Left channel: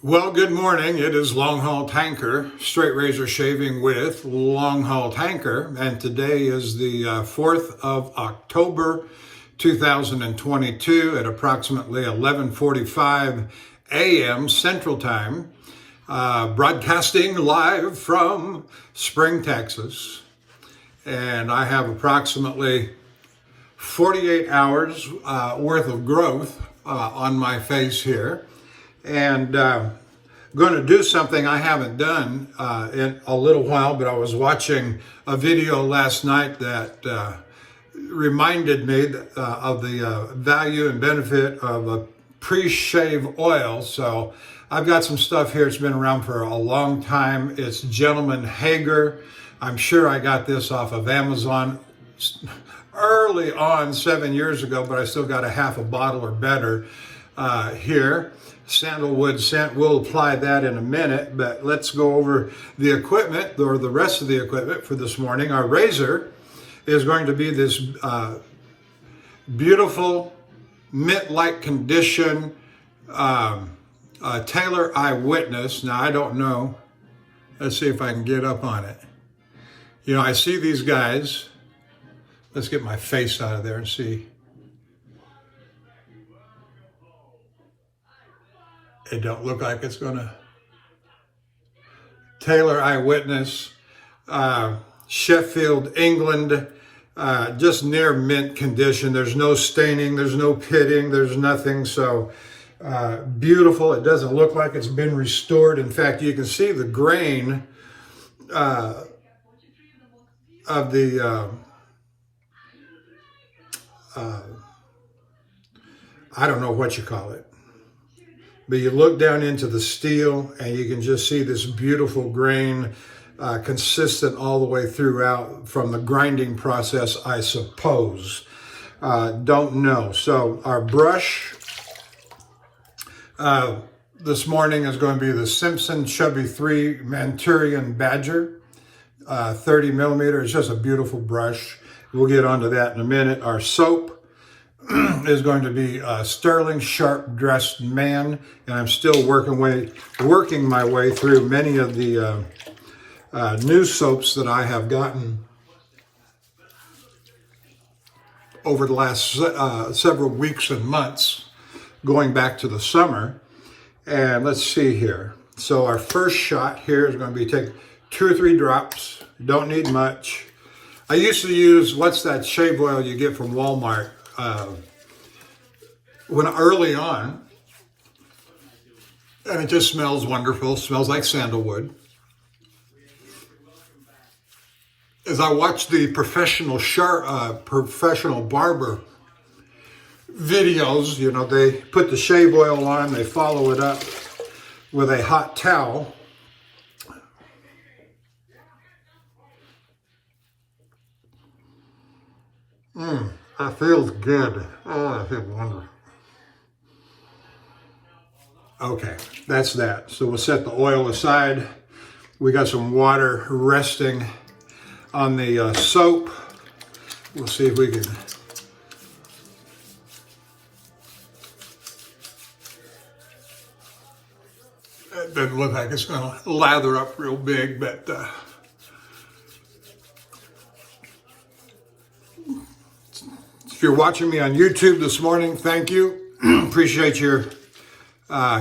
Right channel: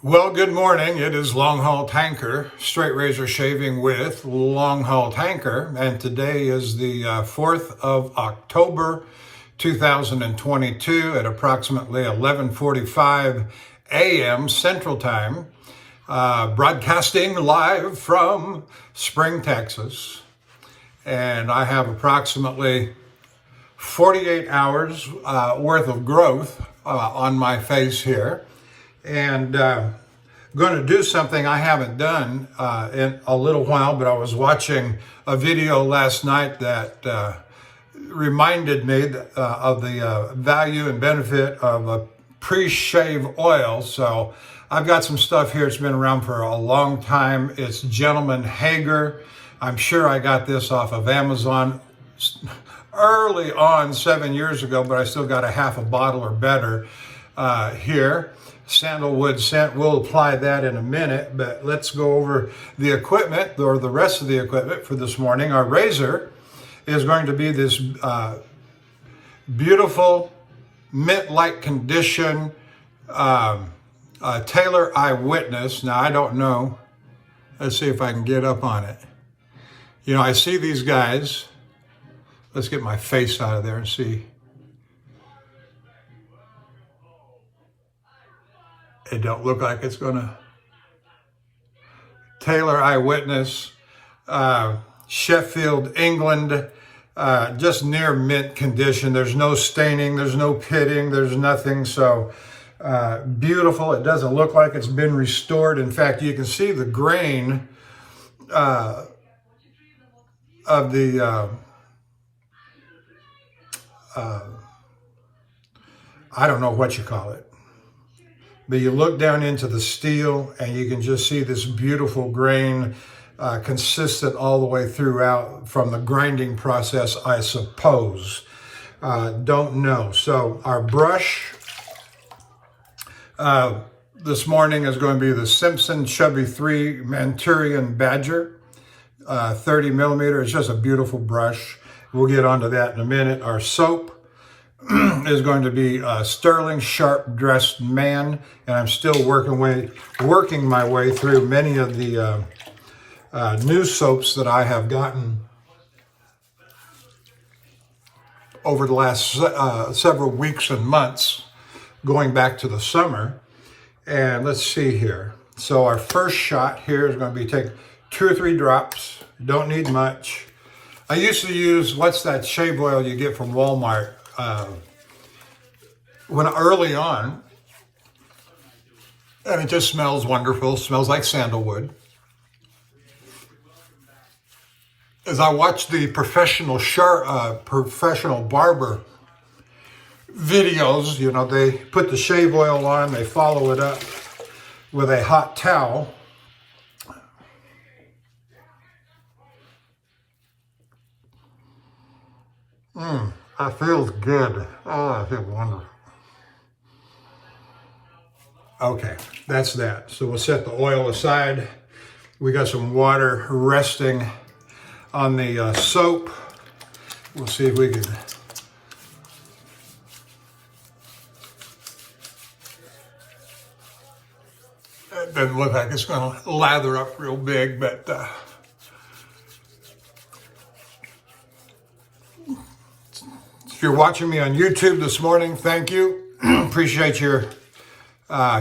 Well, good morning. It is Longhaultanker, straight razor shaving with Longhaultanker, and today is the 4th of October, 2022 at approximately 11:45 a.m. Central Time, broadcasting live from Spring, Texas. And I have approximately 48 hours worth of growth on my face here. And going to do something I haven't done in a little while, but I was watching a video last night that reminded me of the value and benefit of a pre-shave oil. So I've got some stuff here. It's been around for a long time. It's Gentleman Hager. I'm sure I got this off of Amazon early on 7 years ago, but I still got a half a bottle or better here. Sandalwood scent. We'll apply that in a minute, but let's go over the equipment, or the rest of the equipment for this morning. Our razor is going to be this beautiful mint-like condition Taylor Eyewitness. Now, I don't know. Let's see if I can get up on it. You know, I see these guys. Let's get my face out of there and see. It don't look like it's gonna. Taylor Eyewitness, Sheffield, England, just near mint condition. There's no staining, there's no pitting, there's nothing. So beautiful. It doesn't look like it's been restored. In fact, you can see the grain of the I don't know what you call it. But you look down into the steel and you can just see this beautiful grain, consistent all the way throughout from the grinding process, I suppose. Don't know. So our brush this morning is going to be the Simpson Chubby 3 Manchurian Badger, 30 millimeter. It's just a beautiful brush. We'll get onto that in a minute. Our soap is going to be Stirling Sharp Dressed Man, and I'm still working my way through many of the new soaps that I have gotten over the last several weeks and months, going back to the summer. And let's see here. So our first shot here is going to be take 2 or 3 drops. Don't need much. I used to use, what's that shave oil you get from Walmart? When early on, and it just smells wonderful. Smells like sandalwood. As I watch the professional barber videos, you know, they put the shave oil on, they follow it up with a hot towel. That feels good. Oh, that feels wonderful. Okay, that's that. So we'll set the oil aside. We got some water resting on the soap. We'll see if we can. It doesn't look like it's going to lather up real big, but if you're watching me on YouTube this morning, thank you. Appreciate your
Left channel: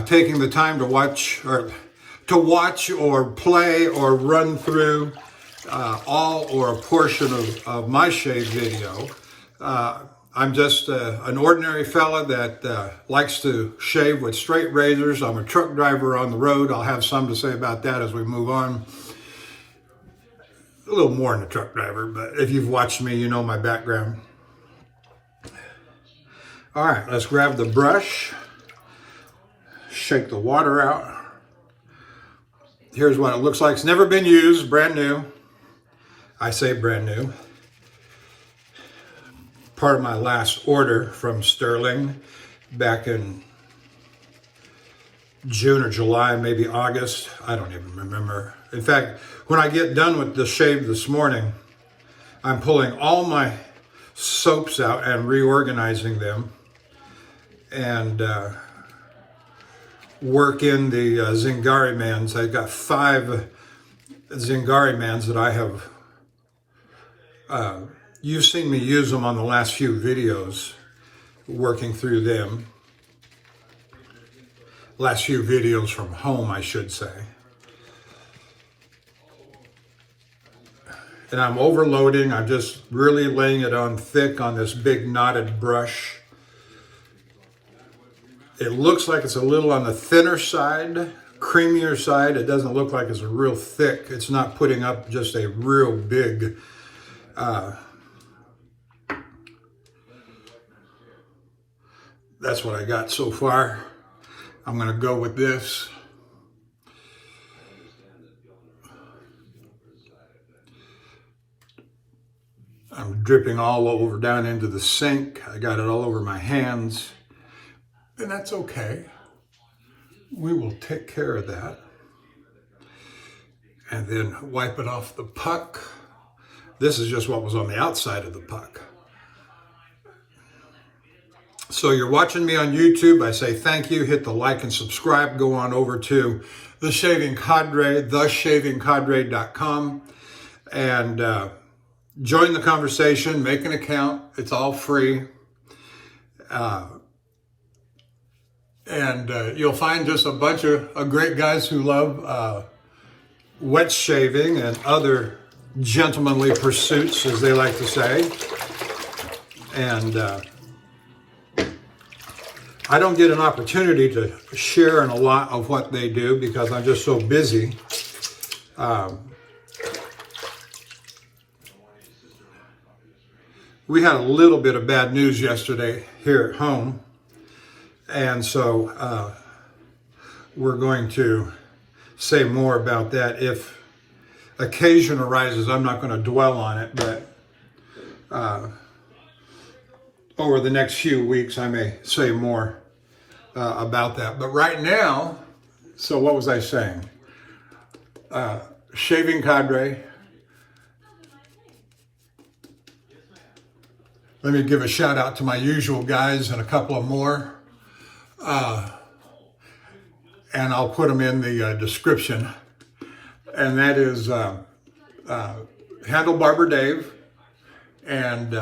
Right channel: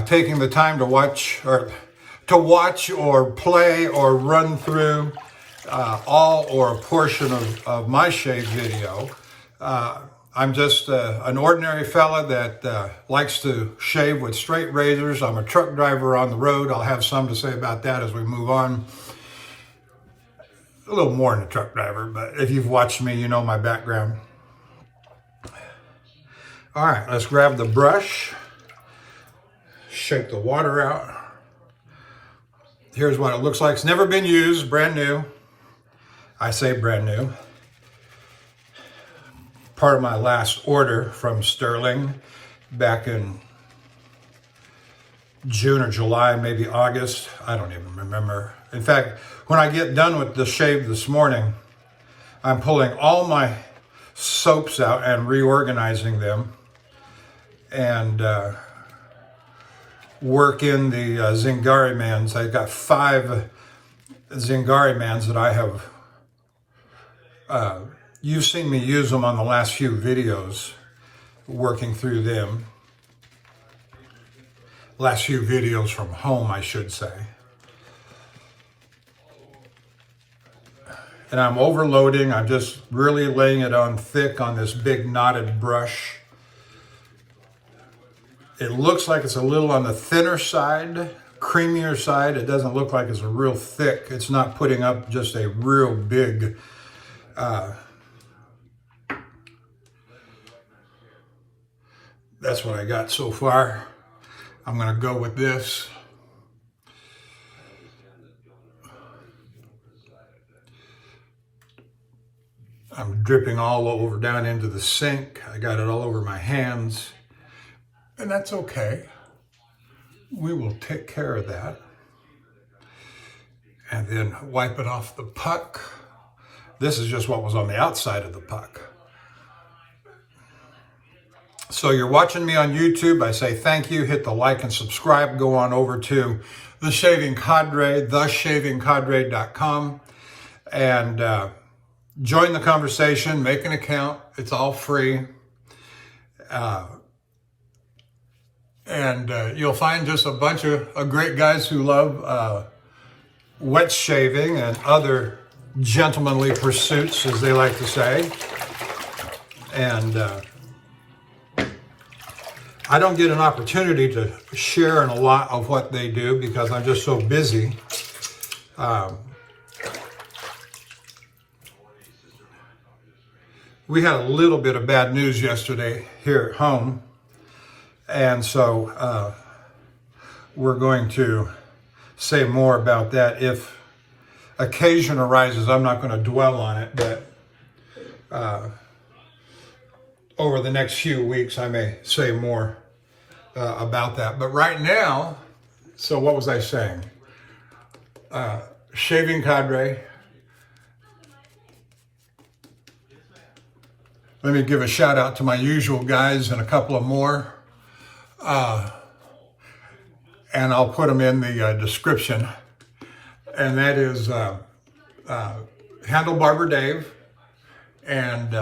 taking the time to watch or play or run through all or a portion of my shave video. I'm just an ordinary fella that likes to shave with straight razors. I'm a truck driver on the road. I'll have some to say about that as we move on. A little more than a truck driver, but if you've watched me, you know my background. All right, let's grab the brush, shake the water out. Here's what it looks like. It's never been used, brand new. I say brand new. Part of my last order from Stirling back in June or July, maybe August. I don't even remember. In fact, when I get done with the shave this morning, I'm pulling all my soaps out and reorganizing them. And work in the Zingari mans. I've got 5 Zingari mans that I have. You've seen me use them on the last few videos, working through them. Last few videos from home, I should say. And I'm overloading. I'm just really laying it on thick on this big knotted brush. It looks like it's a little on the thinner side, creamier side. It doesn't look like it's a real thick. It's not putting up just a real big that's what I got so far. I'm going to go with this. I'm dripping all over down into the sink. I got it all over my hands. And that's okay. We will take care of that. And then wipe it off the puck. This is just what was on the outside of the puck. So you're watching me on YouTube. I say thank you. Hit the like and subscribe. Go on over to The Shaving Cadre, theshavingcadre.com, and join the conversation. Make an account. It's all free. And you'll find just a bunch of great guys who love wet shaving and other gentlemanly pursuits, as they like to say. And I don't get an opportunity to share in a lot of what they do because I'm just so busy. We had a little bit of bad news yesterday here at home. And so we're going to say more about that if occasion arises. I'm not going to dwell on it, but over the next few weeks, I may say more about that. But right now, so what was I saying? Shaving Cadre. Let me give a shout out to my usual guys and a couple of more. And I'll put them in the description. And that is Handle Barber Dave and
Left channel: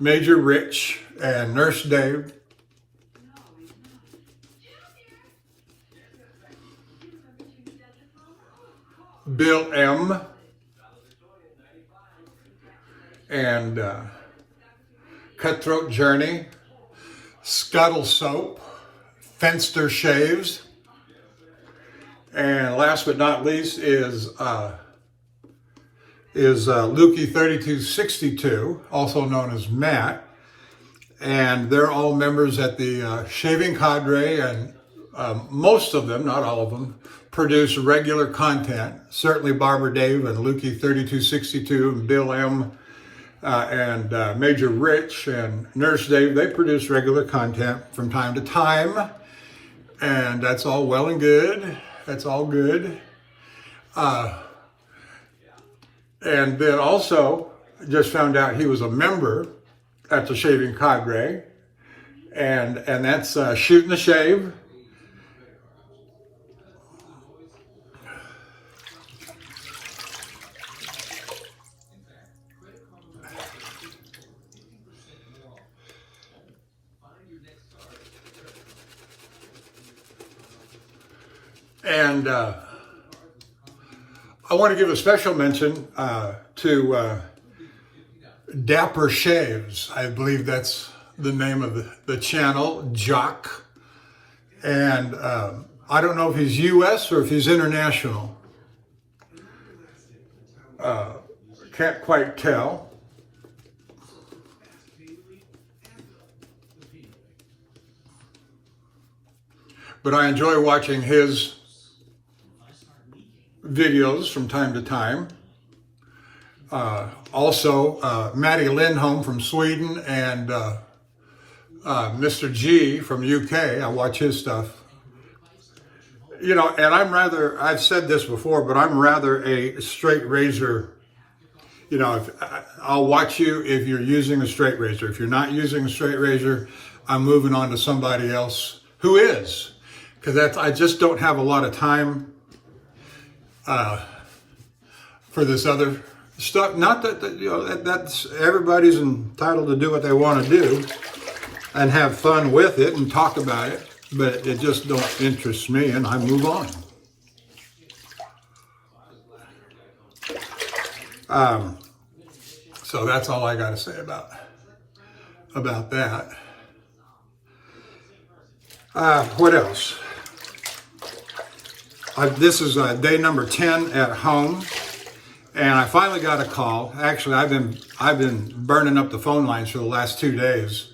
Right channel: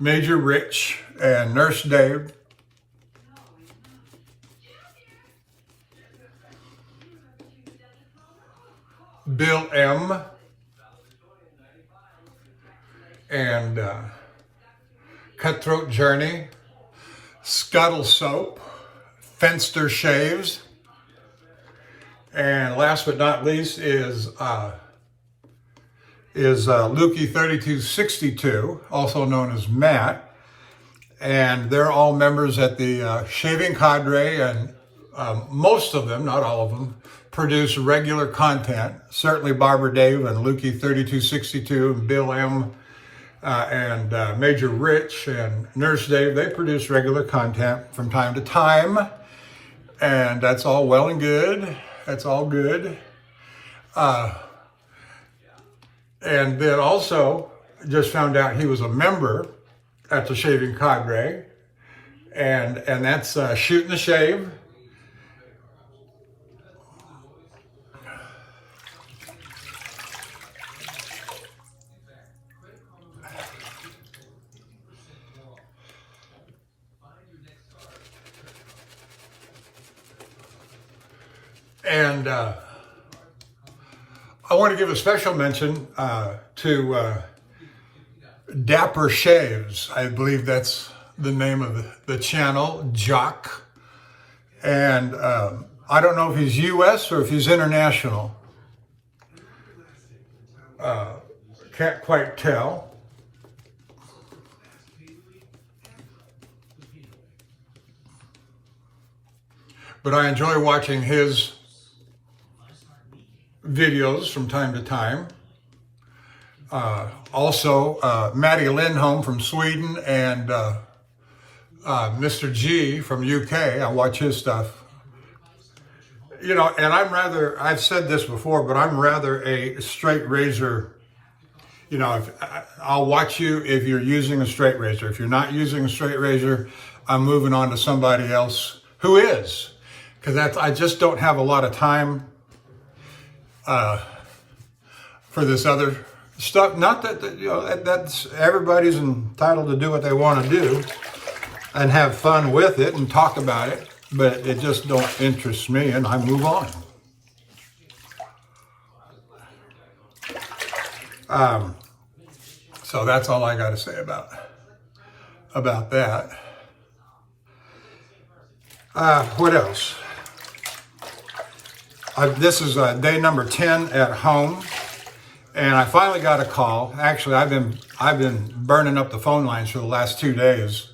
Major Rich and Nurse Dave. Bill M. And Cutthroat Journey, Scuttle Soap, Fenster Shaves, and last but not least is Lukey 3262, also known as Matt, and they're all members at the Shaving Cadre, and most of them, not all of them, produce regular content. Certainly Barber Dave and Lukey 3262 and Bill M. And Major Rich and Nurse Dave, they produce regular content from time to time. And that's all well and good. That's all good. And then also, just found out he was a member at the Shaving Cadre. And that's Shooting the Shave. And I want to give a special mention to Dapper Shaves. I believe that's the name of the channel, Jock. And I don't know if he's U.S. or if he's international. Can't quite tell. But I enjoy watching his videos from time to time. Also, Maddie Lindholm from Sweden and Mr. G from UK. I watch his stuff. You know, and I've said this before, but I'm rather a straight razor you know, I'll watch you if you're using a straight razor. If you're not using a straight razor, I'm moving on to somebody else who is, because I just don't have a lot of time for this other stuff. Not that, you know, that's everybody's entitled to do what they want to do and have fun with it and talk about it, but it just don't interest me, and I move on. So that's all I got to say about that. What else? This is day number 10 at home, and I finally got a call. Actually, I've been burning up the phone lines for the last 2 days,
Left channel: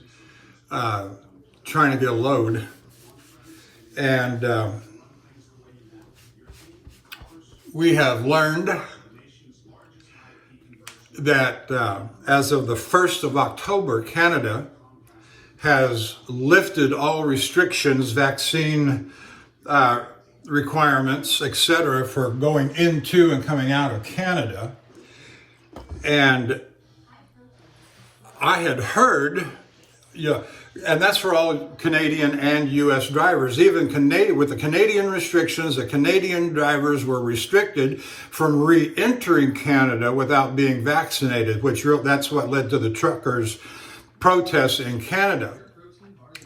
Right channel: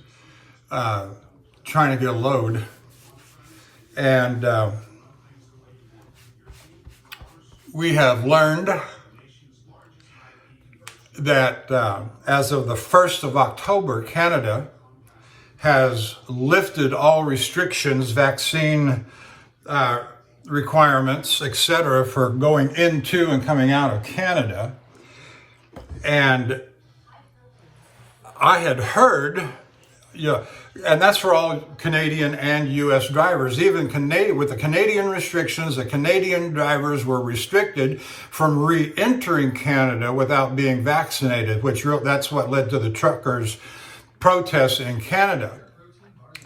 trying to get a load, and we have learned that as of the 1st of October, Canada has lifted all restrictions, vaccine requirements, etc., for going into and coming out of Canada. And I had heard, and that's for all Canadian and U.S. drivers. Even with the Canadian restrictions, the Canadian drivers were restricted from re-entering Canada without being vaccinated, that's what led to the truckers' protests in Canada.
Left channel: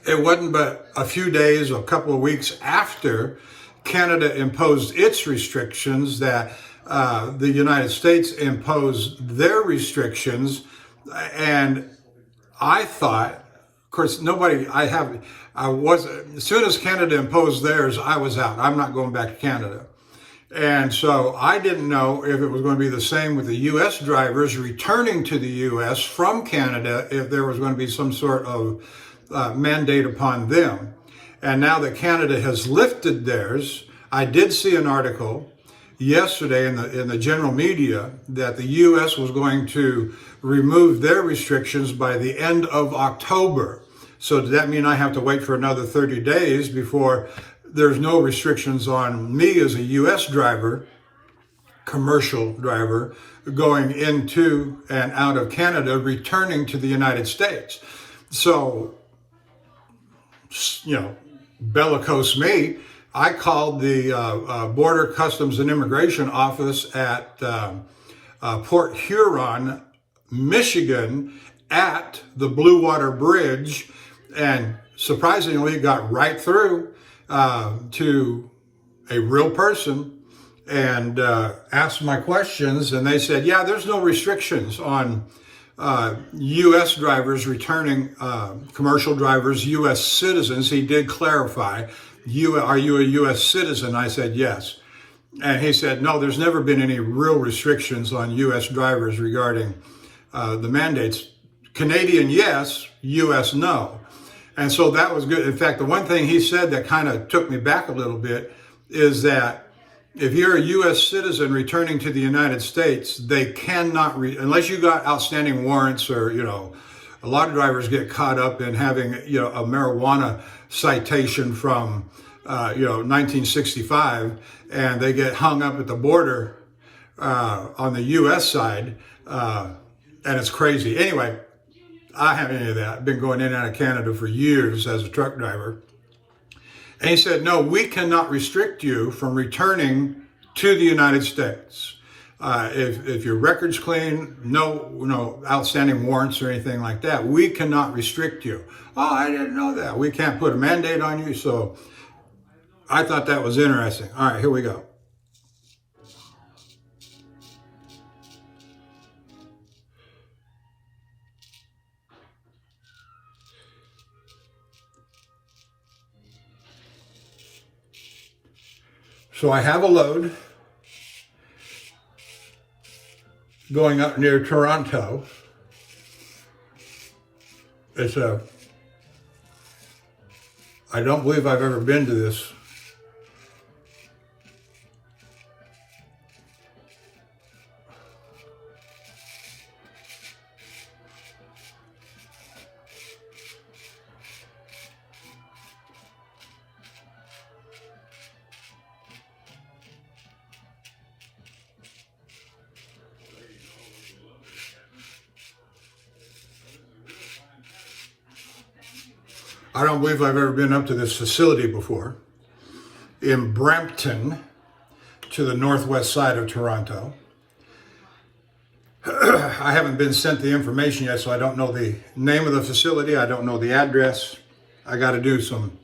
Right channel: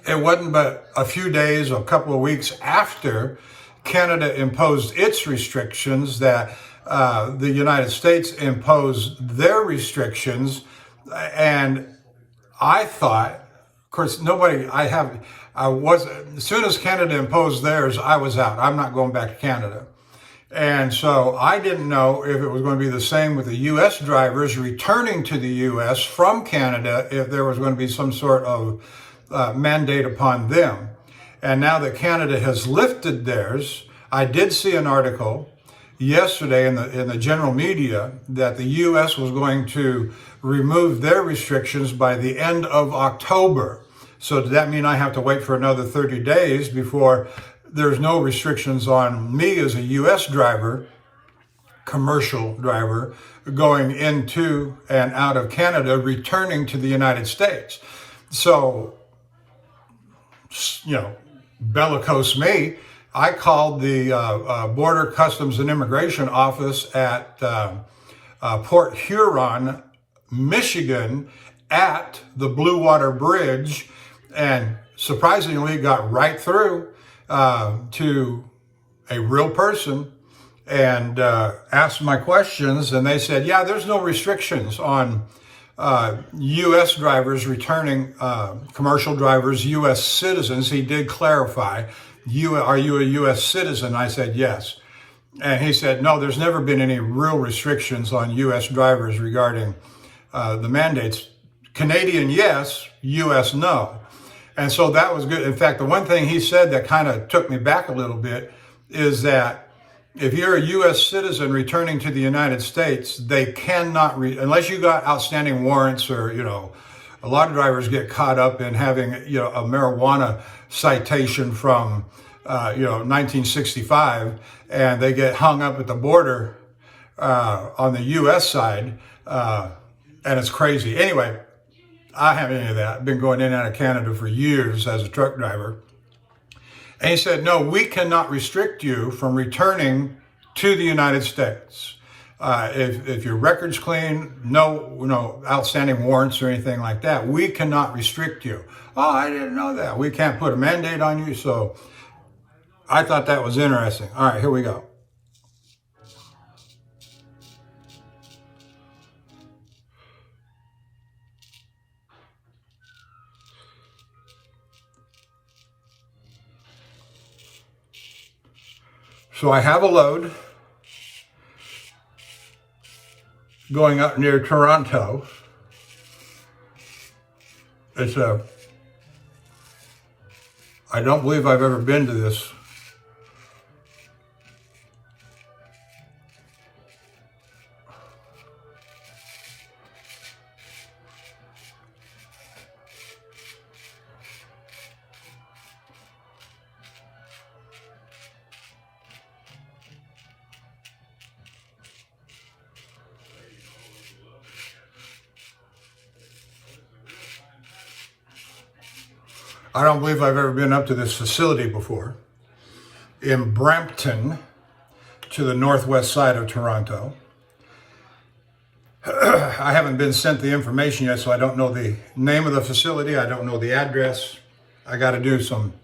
It wasn't but a few days, a couple of weeks after Canada imposed its restrictions that the United States imposed their restrictions, and I thought, of course, as soon as Canada imposed theirs, I was out. I'm not going back to Canada. And so I didn't know if it was going to be the same with the U.S. drivers returning to the U.S. from Canada, if there was going to be some sort of mandate upon them. And now that Canada has lifted theirs, I did see an article yesterday in the general media that the U.S. was going to remove their restrictions by the end of October. So does that mean I have to wait for another 30 days before there's no restrictions on me as a U.S. driver, commercial driver, going into and out of Canada, returning to the United States? So, bellicose me, I called the Border Customs and Immigration Office at Port Huron, Michigan, at the Blue Water Bridge, and surprisingly got right through to a real person and asked my questions, and they said, yeah, there's no restrictions on U.S. drivers returning, commercial drivers, U.S. citizens. He did clarify, are you a U.S. citizen? I said, yes. And he said, no, there's never been any real restrictions on U.S. drivers regarding the mandates. Canadian, yes. U.S., no. And so that was good. In fact, the one thing he said that kind of took me back a little bit is that if you're a U.S. citizen returning to the United States, they cannot, unless you got outstanding warrants, or, a lot of drivers get caught up in having, a marijuana citation from, 1965, and they get hung up at the border on the U.S. side, and it's crazy. Anyway, I haven't any of that. I've been going in and out of Canada for years as a truck driver. And he said, no, we cannot restrict you from returning to the United States. If your record's clean, no outstanding warrants or anything like that, we cannot restrict you. Oh, I didn't know that. We can't put a mandate on you. So I thought that was interesting. All right, here we go. So I have a load going up near Toronto. I don't believe I've ever been to this. I don't believe I've ever been up to this facility before. In Brampton, to the northwest side of Toronto. I haven't been sent the information yet, so I don't know the name of the facility. I don't know the address. I got to do some.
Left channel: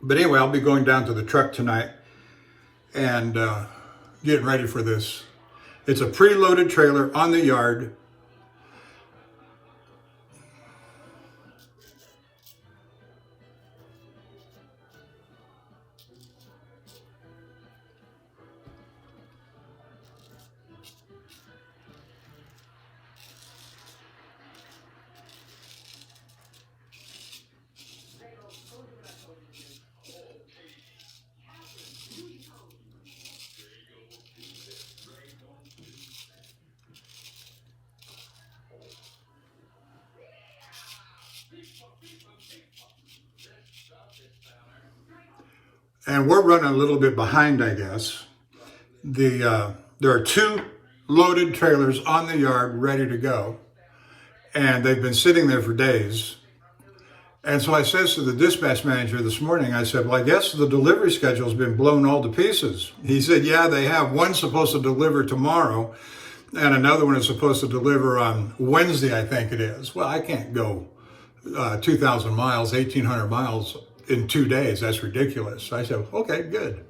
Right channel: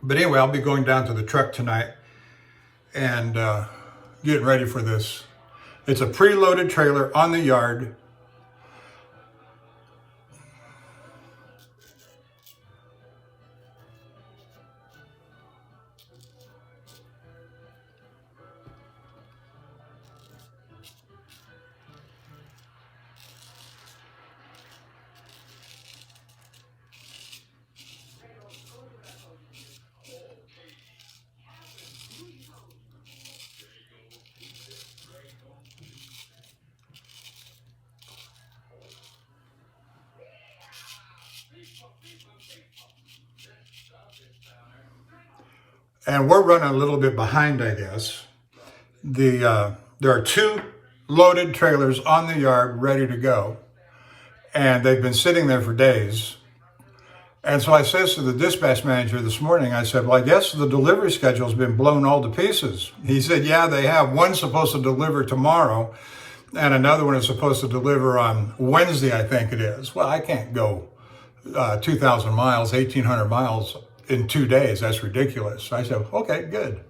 But anyway, I'll be going down to the truck tonight and getting ready for this. It's a preloaded trailer on the yard. And we're running a little bit behind, I guess. There are 2 loaded trailers on the yard ready to go. And they've been sitting there for days. And so I says to the dispatch manager this morning, I said, well, I guess the delivery schedule has been blown all to pieces. He said, yeah, they have. One's supposed to deliver tomorrow, and another one is supposed to deliver on Wednesday, I think it is. Well, I can't go 2,000 miles, 1,800 miles in 2 days. That's ridiculous. I said, okay, good.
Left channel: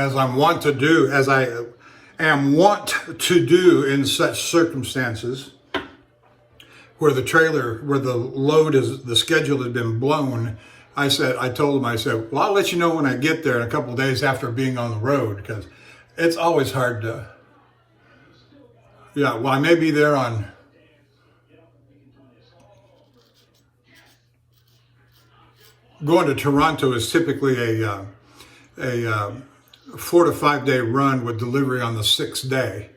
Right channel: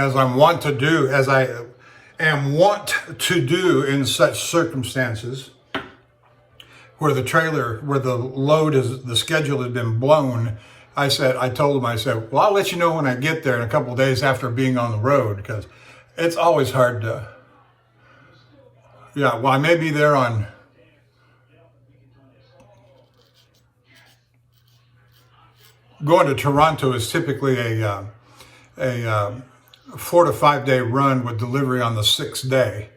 As I am wont to do in such circumstances, where the schedule had been blown, I told him, well, I'll let you know when I get there in a couple of days after being on the road, because it's always hard to, yeah, well, I may be there on, going to Toronto is typically a 4 to 5 day run with delivery on the 6th day.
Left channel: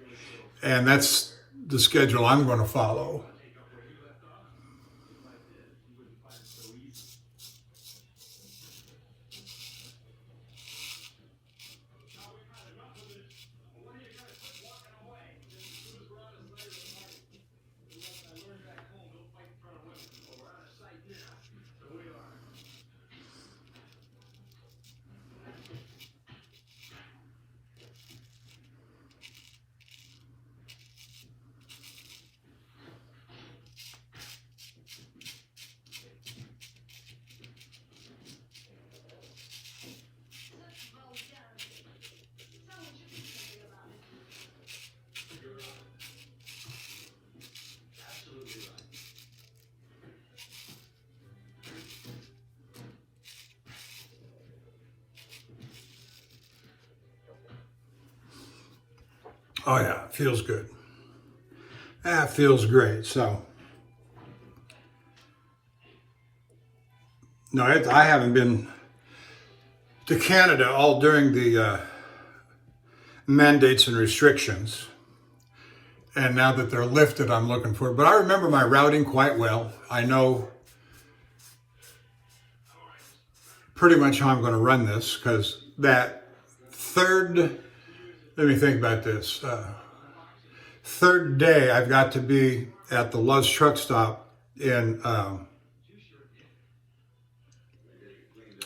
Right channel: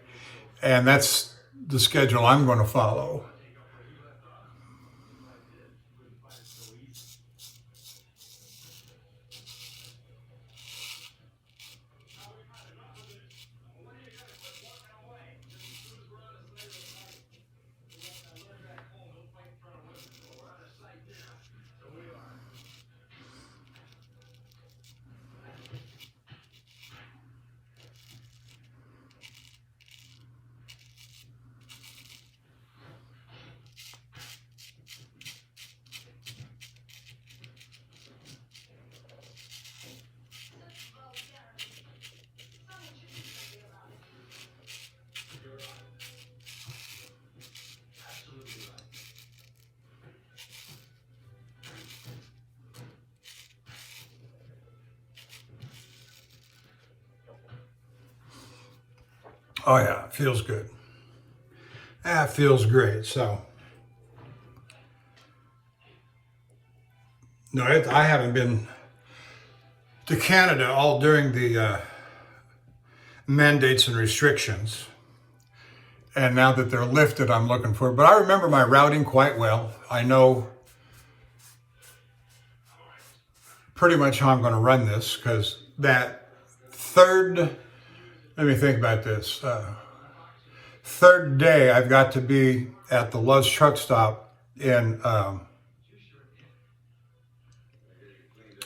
And that's the schedule I'm going to follow. Oh yeah, feels good. That feels great. So, no, I haven't been to Canada all during the mandates and restrictions. And now that they're lifted, I'm looking for it. But I remember my routing quite well. I know pretty much how I'm going to run this, because that let me think about this. Third day, I've got to be at the Love's truck stop in,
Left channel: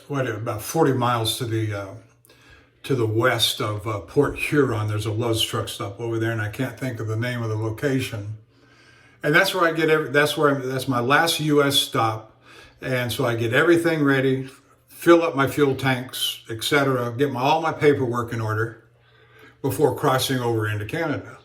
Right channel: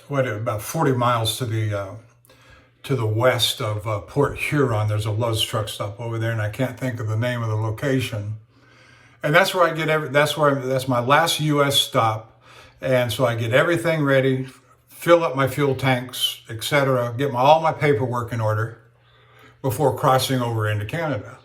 about 40 miles to the west of Port Huron. There's a Love's truck stop over there, and I can't think of the name of the location. And that's where that's my last U.S. stop. And so I get everything ready, fill up my fuel tanks, etc., get all my paperwork in order before crossing over into Canada.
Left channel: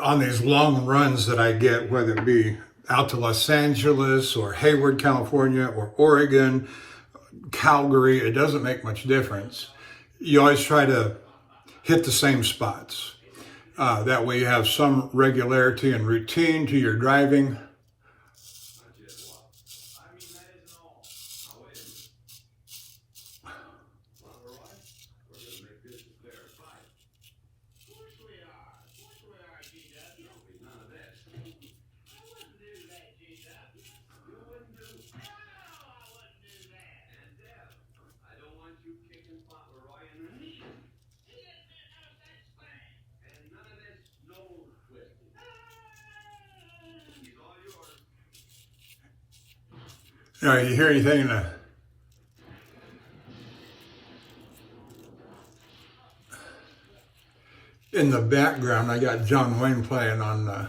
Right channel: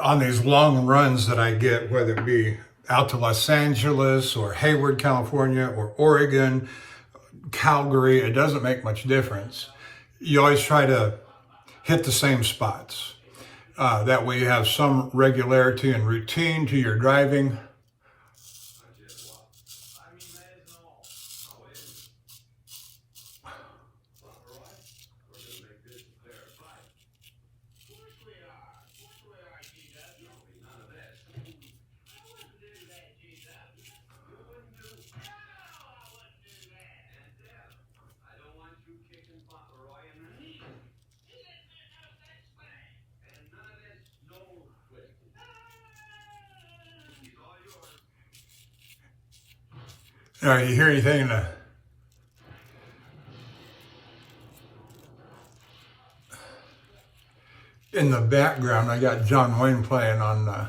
On these long runs that I get, whether it be out to Los Angeles or Hayward, California, or Oregon, Calgary, it doesn't make much difference. You always try to hit the same spots. That way you have some regularity and routine to your driving. All right, you hear anything in the background? I got John Wayne playing on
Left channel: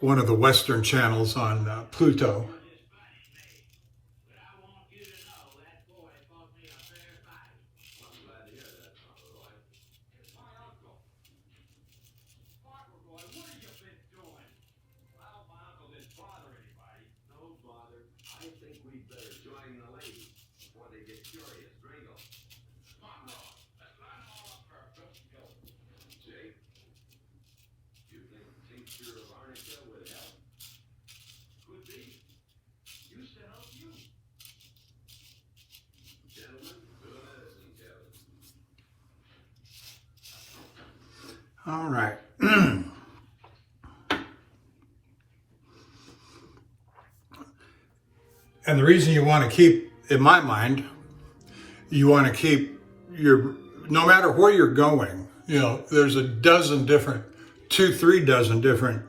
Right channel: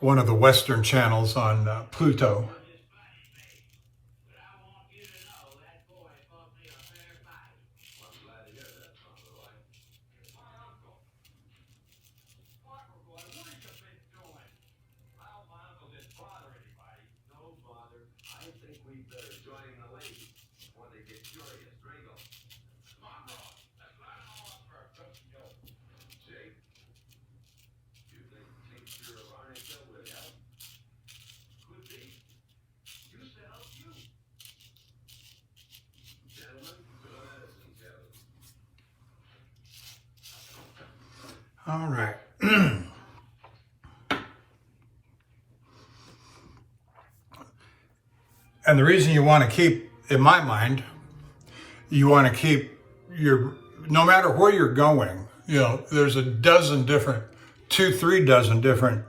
one of the Western channels on Pluto. All right. And the reason you want to keep, in my mind, you want to keep your, no matter where you're going, you know, there's a dozen different, 3 dozen different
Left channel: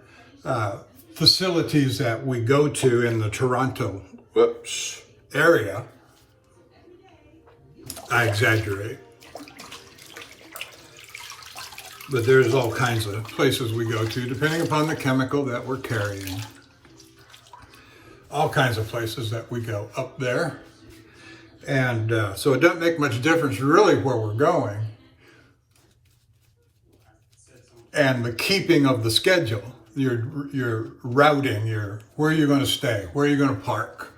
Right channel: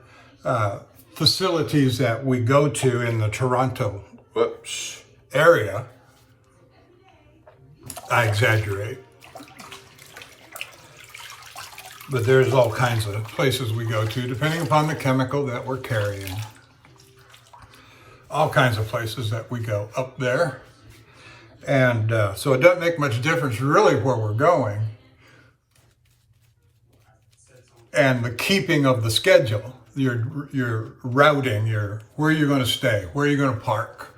facilities that we go to in the Toronto area. I exaggerate. But there's all kinds of places we go to, depending upon the chemical that we're carrying. All kinds of places that we go up there. And so it doesn't make much difference really where we're going. And the keeping of the schedule, your routing, where you're going to stay, where you're going to park,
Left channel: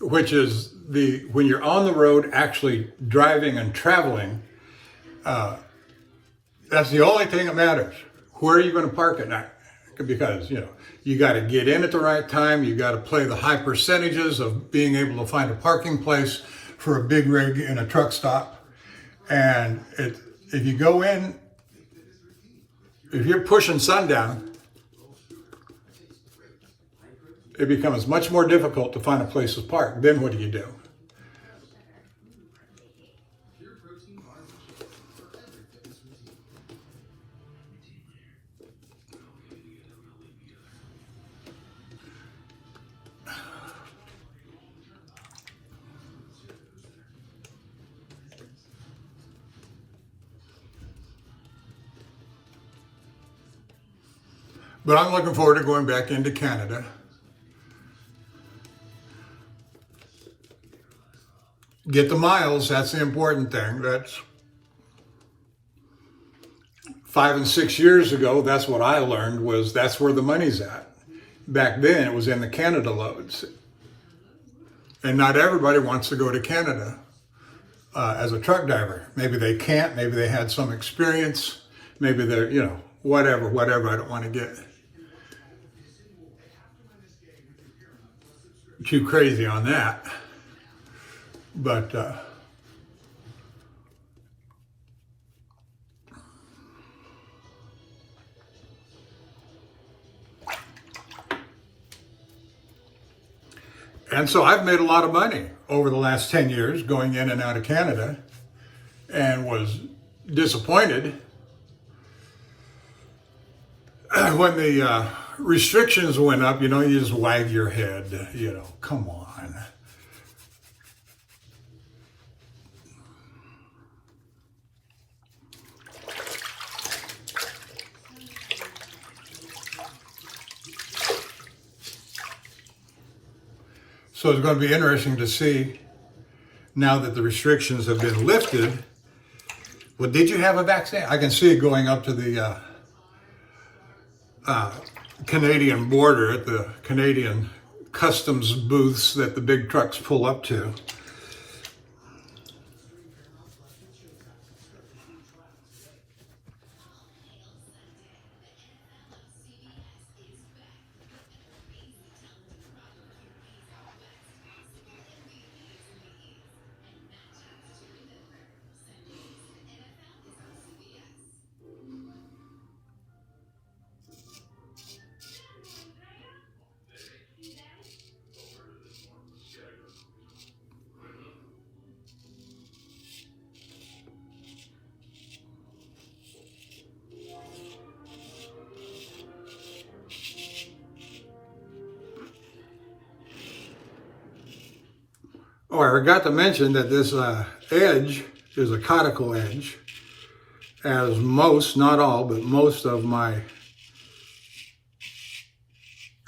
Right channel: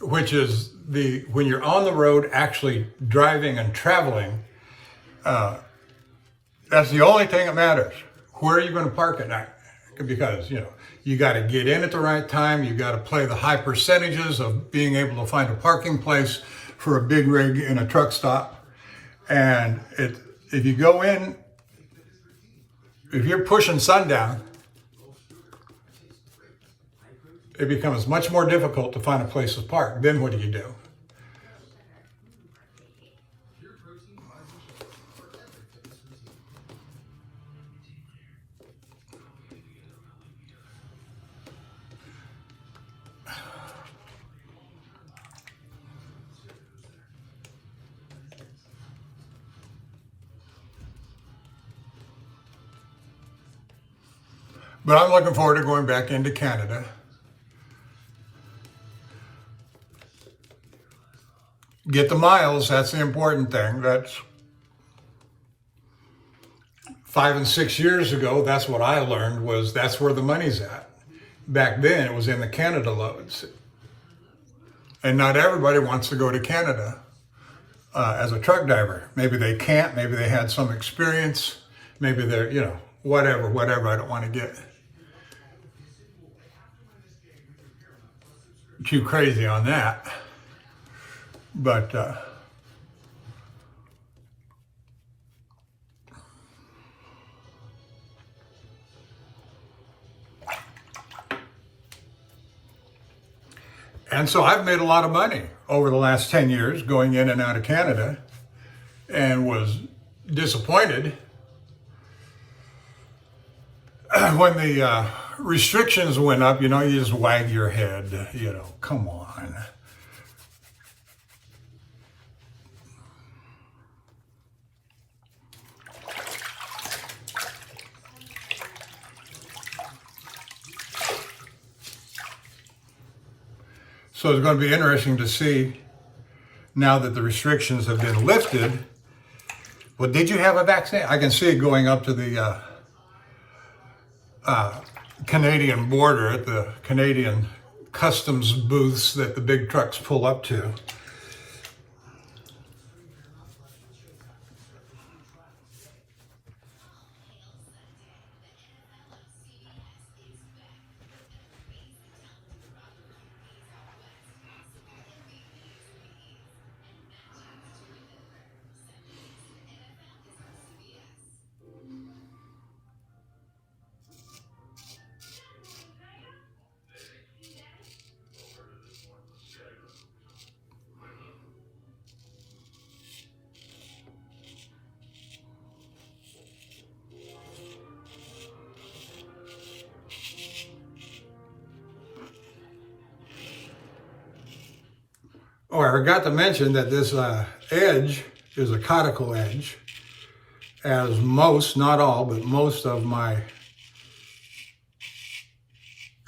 which is when you're on the road actually driving and traveling, that's the only thing that matters. Where are you going to park at night? Because, you know, you got to get in at the right time. You got to play the high percentages of being able to find a parking place for a big rig in a truck stop. And if you go in, if you're pushing sundown, it becomes much more difficult to find a place to park. Then what do? But I'm looking forward to going back into Canada. Get the miles, that's the important thing. That's 5 and 6 years ago, that's what I learned, was that's where the money's at. Back then, it was in the Canada loads. And not everybody wants to go to Canada as a truck driver. Maybe they can't, maybe they had some experience, maybe they're, you know, whatever, I don't want to get too crazy on that. But And so I've made a lot of money over the last 10 years going in and out of Canada, and was disappointed when the restrictions went up. You know, you just wag your head, you know, come on. So it's going to be interesting to see, now that the restrictions have been lifted. Well, did you have a vaccine? I can see it going up to the Canadian border at the Canadian customs booths that the big trucks pull up to. Oh, I forgot to mention that this edge is a Coticule edge, as most, not all, but most of my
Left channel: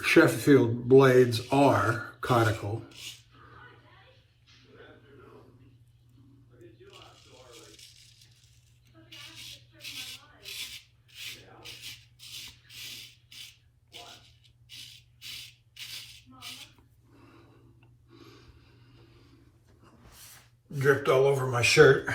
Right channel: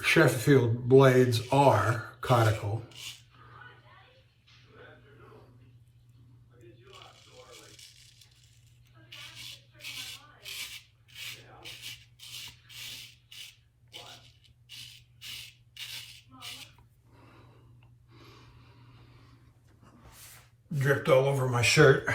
Sheffield blades are Coticule. Dripped all over my shirt.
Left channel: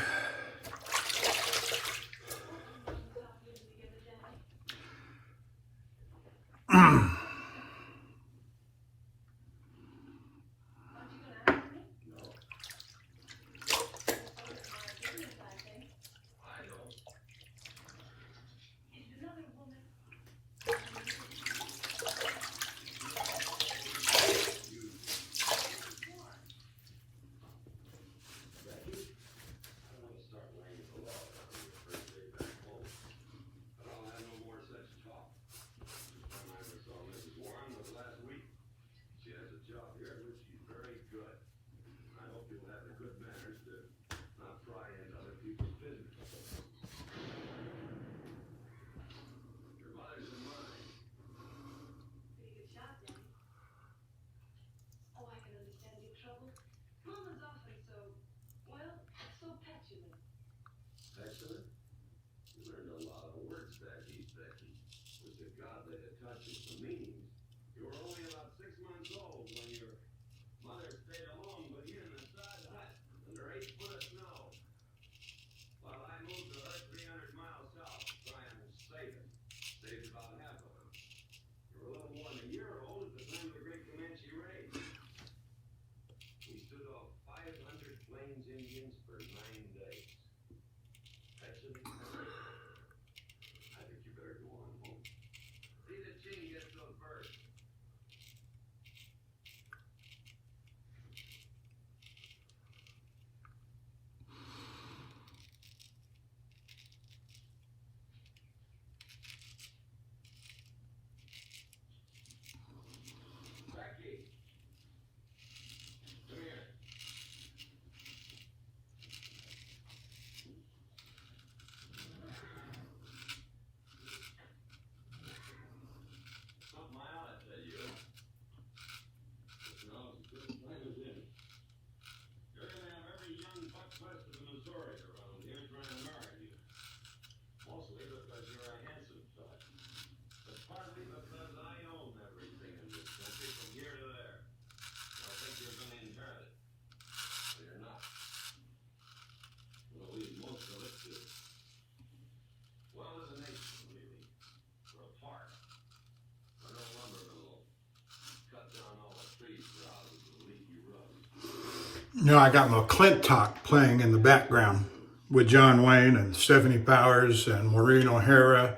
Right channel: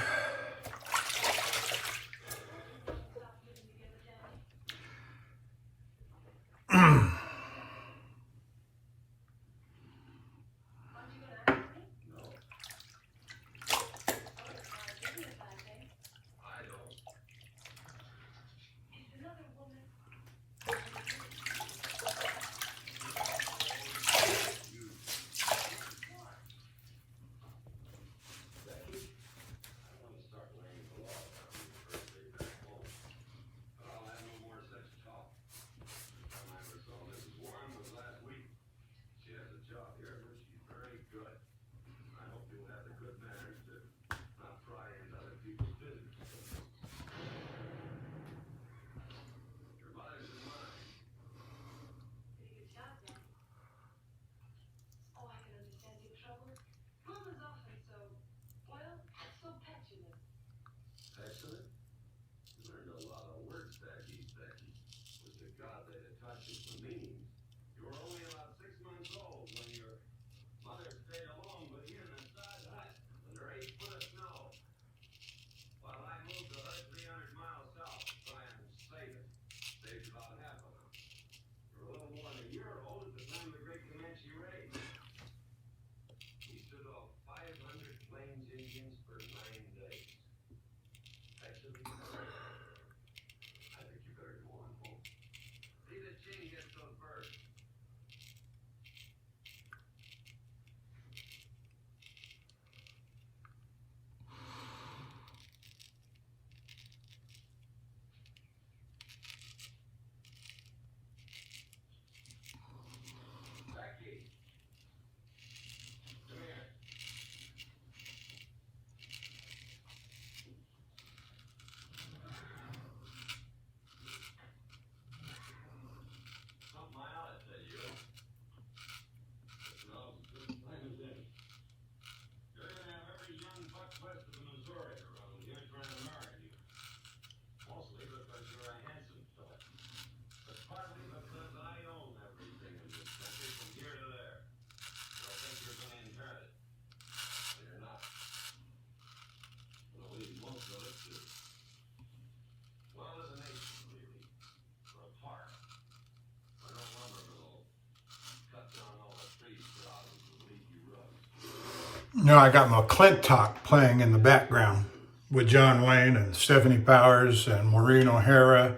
Now I got my Clint Talk playing in the background with John Wayne and Stephanie Powers and Maureen O'Hara,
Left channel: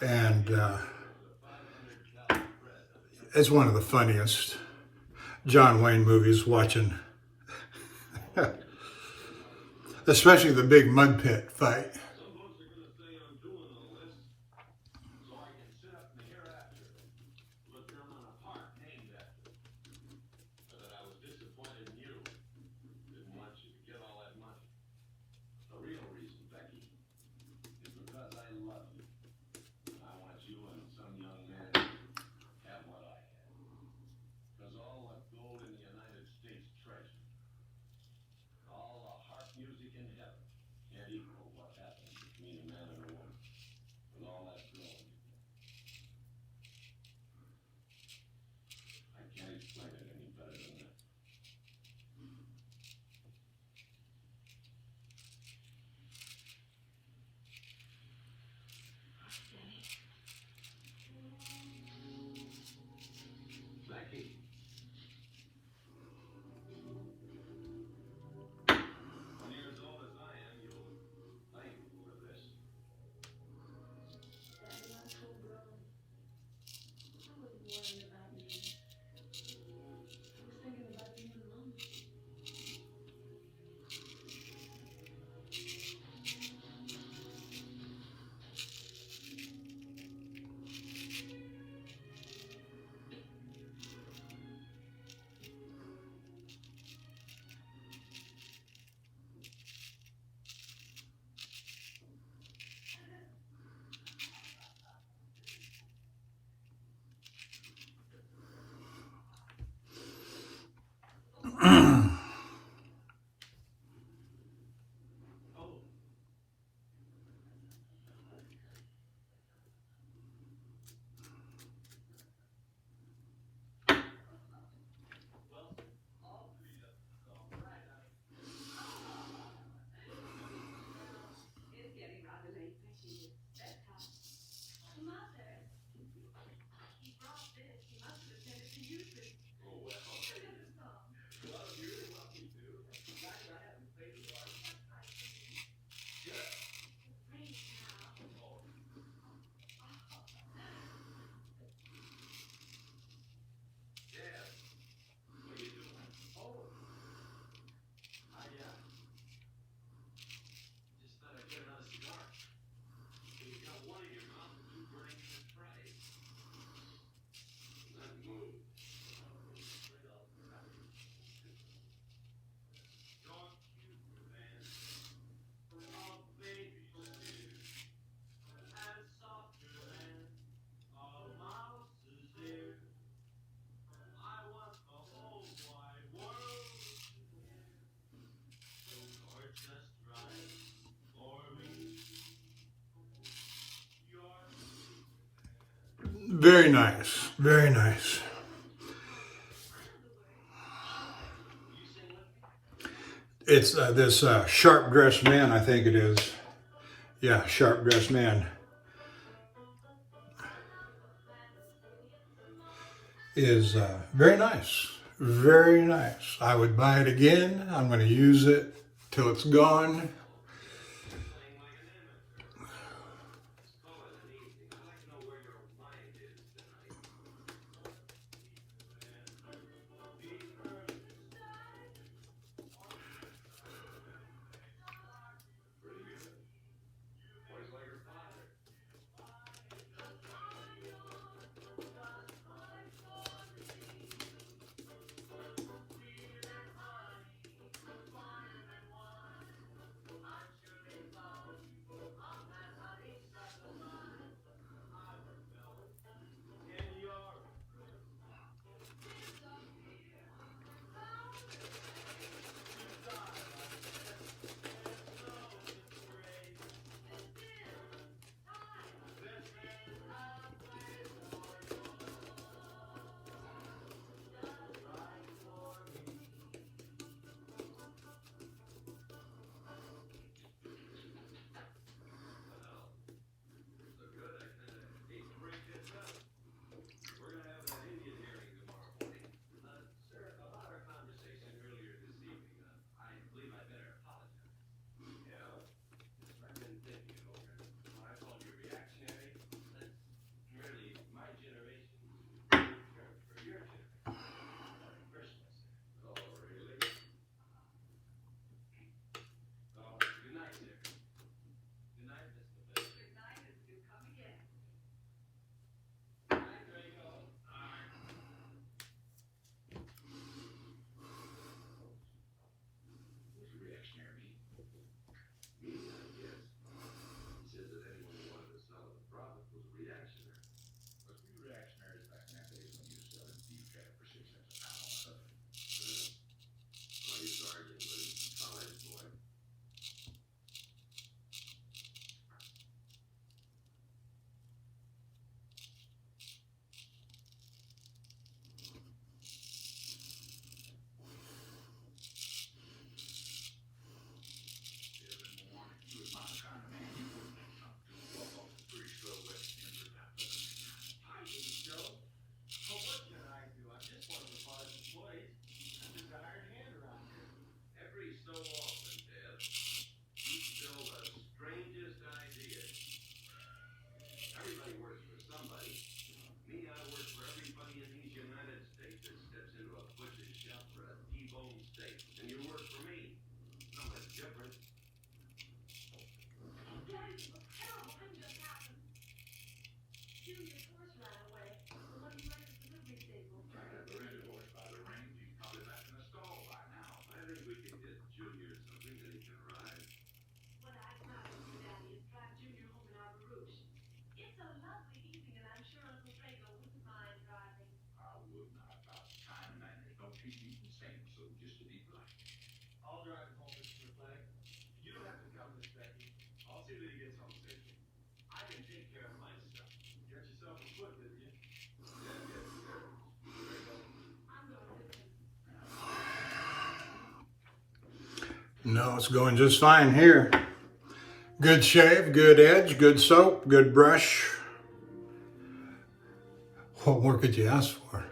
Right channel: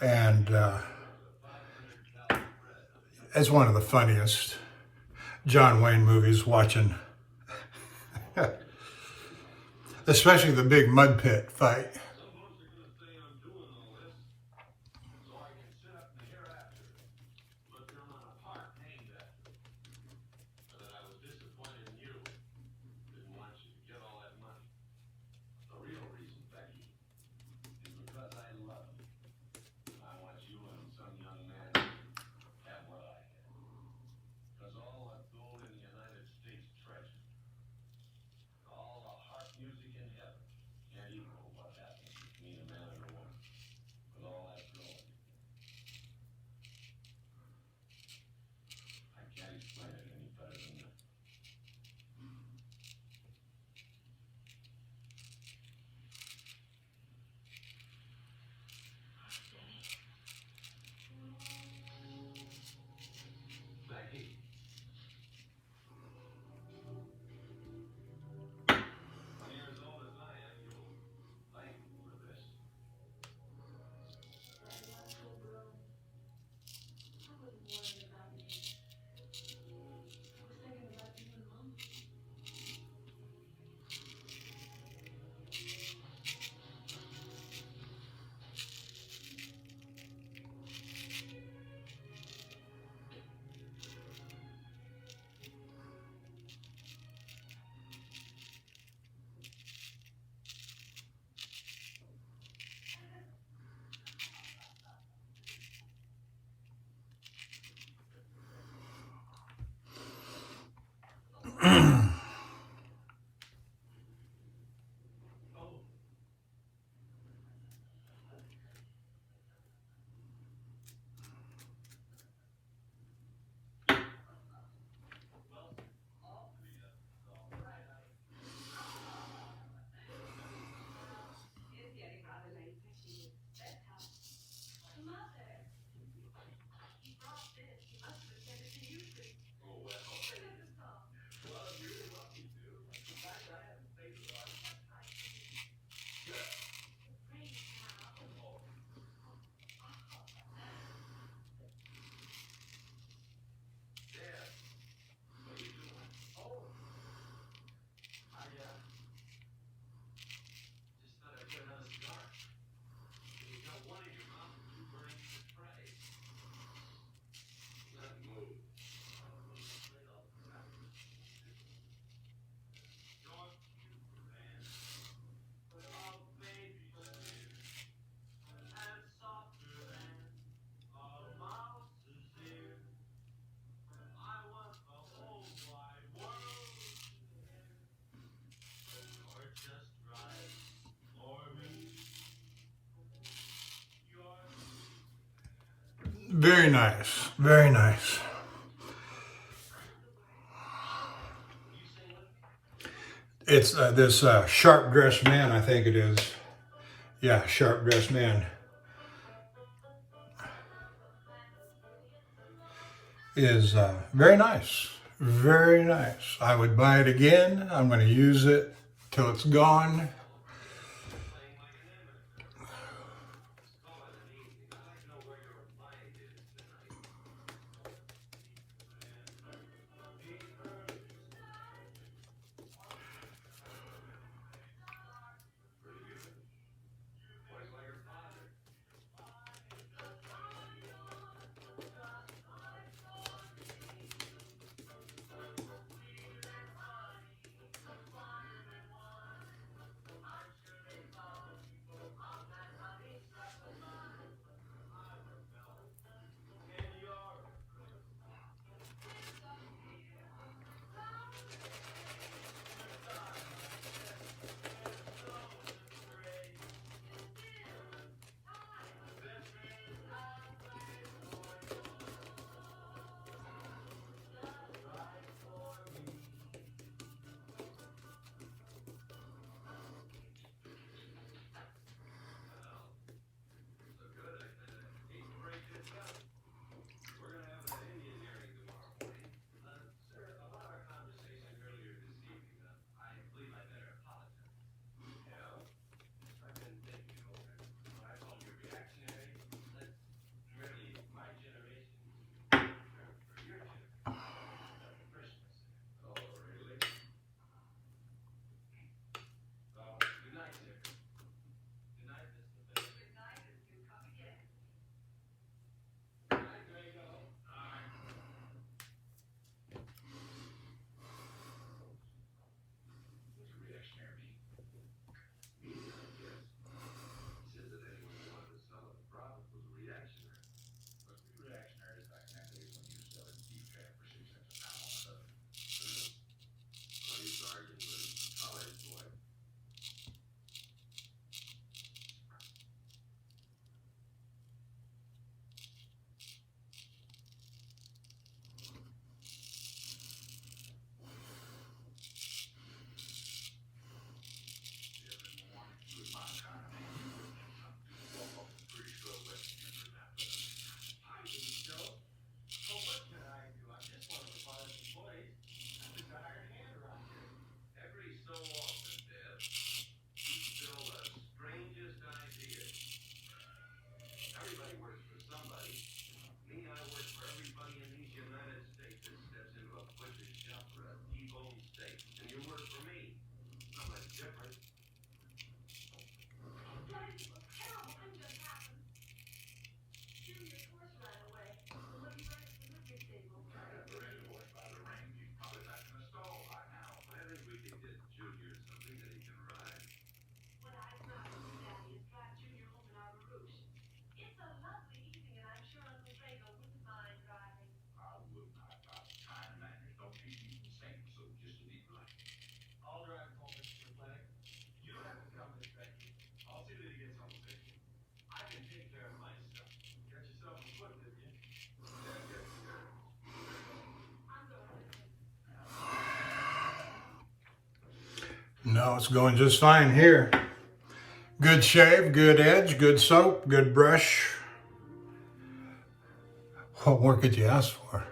and it's one of the funniest. John Wayne movies watching, especially the big mud pit fight. Very nice, very nice. It's this sharp-dressed man, I think it is. Yeah, sharp-dressed man. Is very nice, very nice. I would buy it again. I'm going to use it till it's gone. No, it's going just fine here. Good shave, good edge, good soap, good brush. What more could you ask for?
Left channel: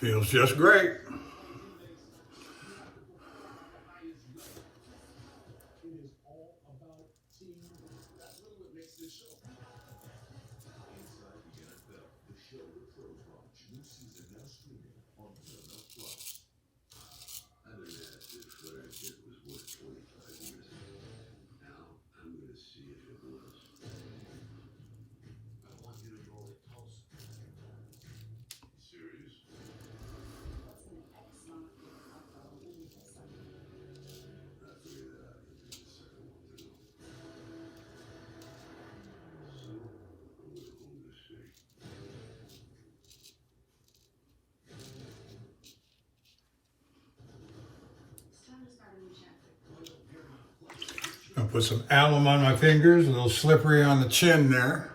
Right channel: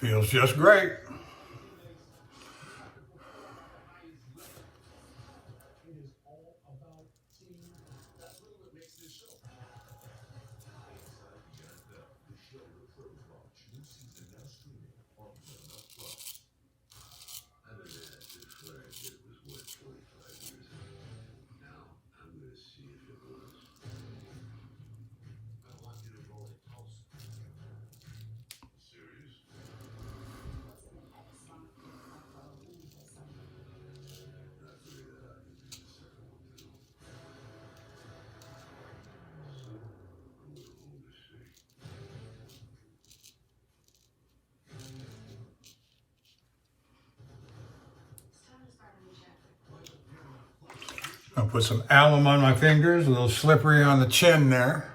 Feels just great. I'll put some alum on my fingers, a little slippery on the chin there.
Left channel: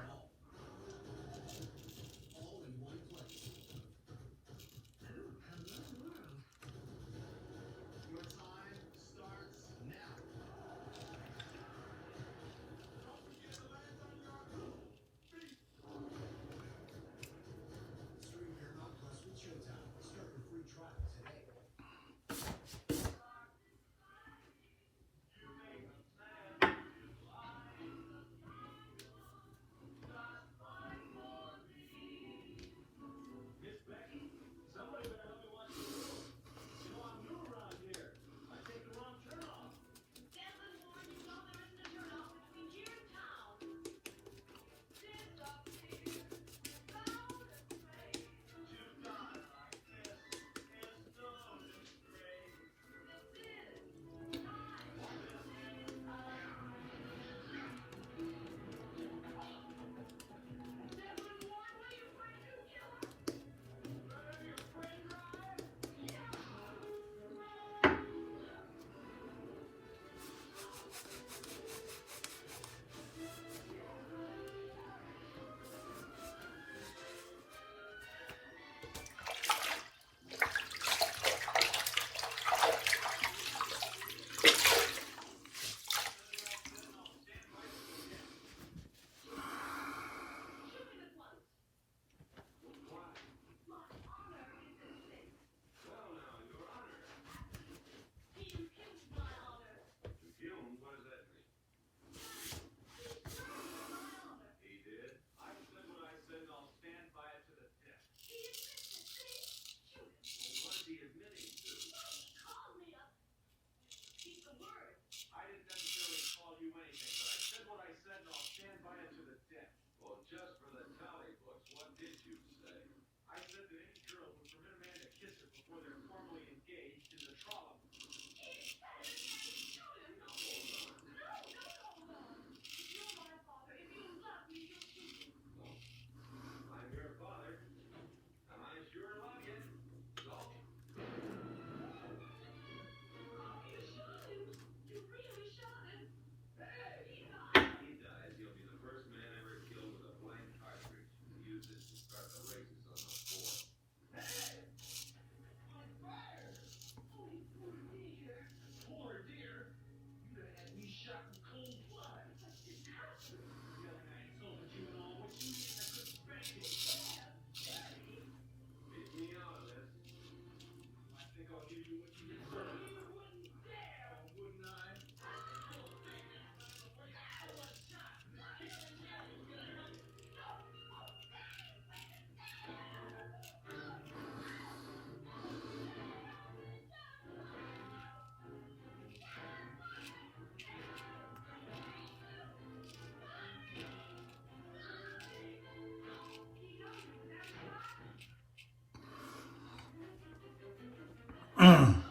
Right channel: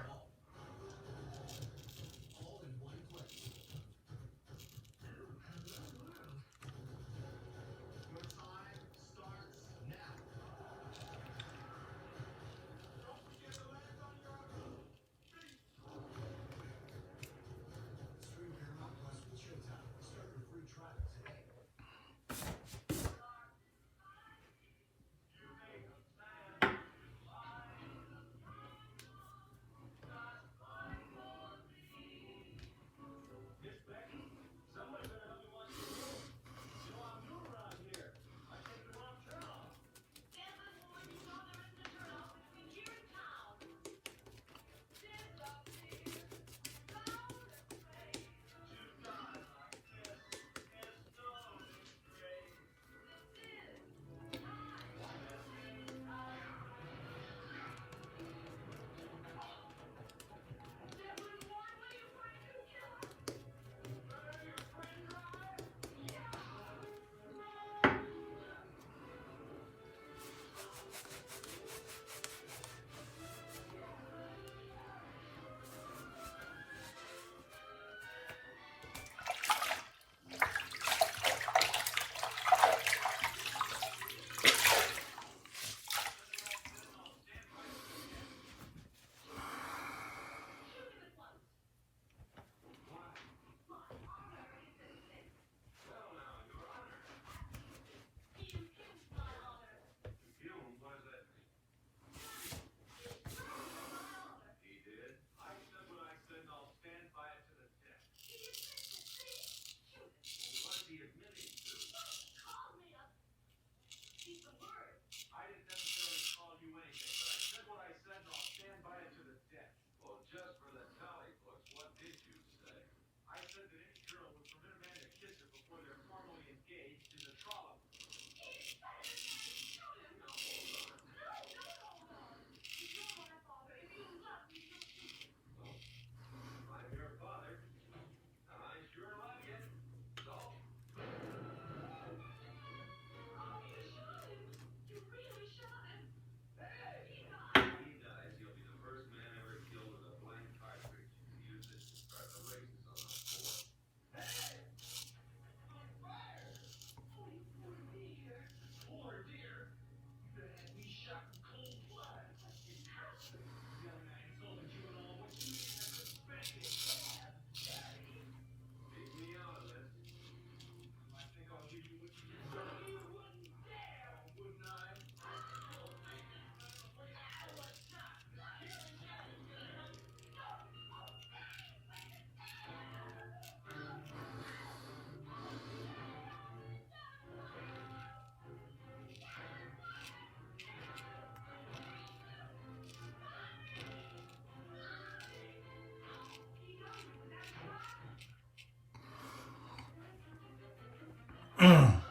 All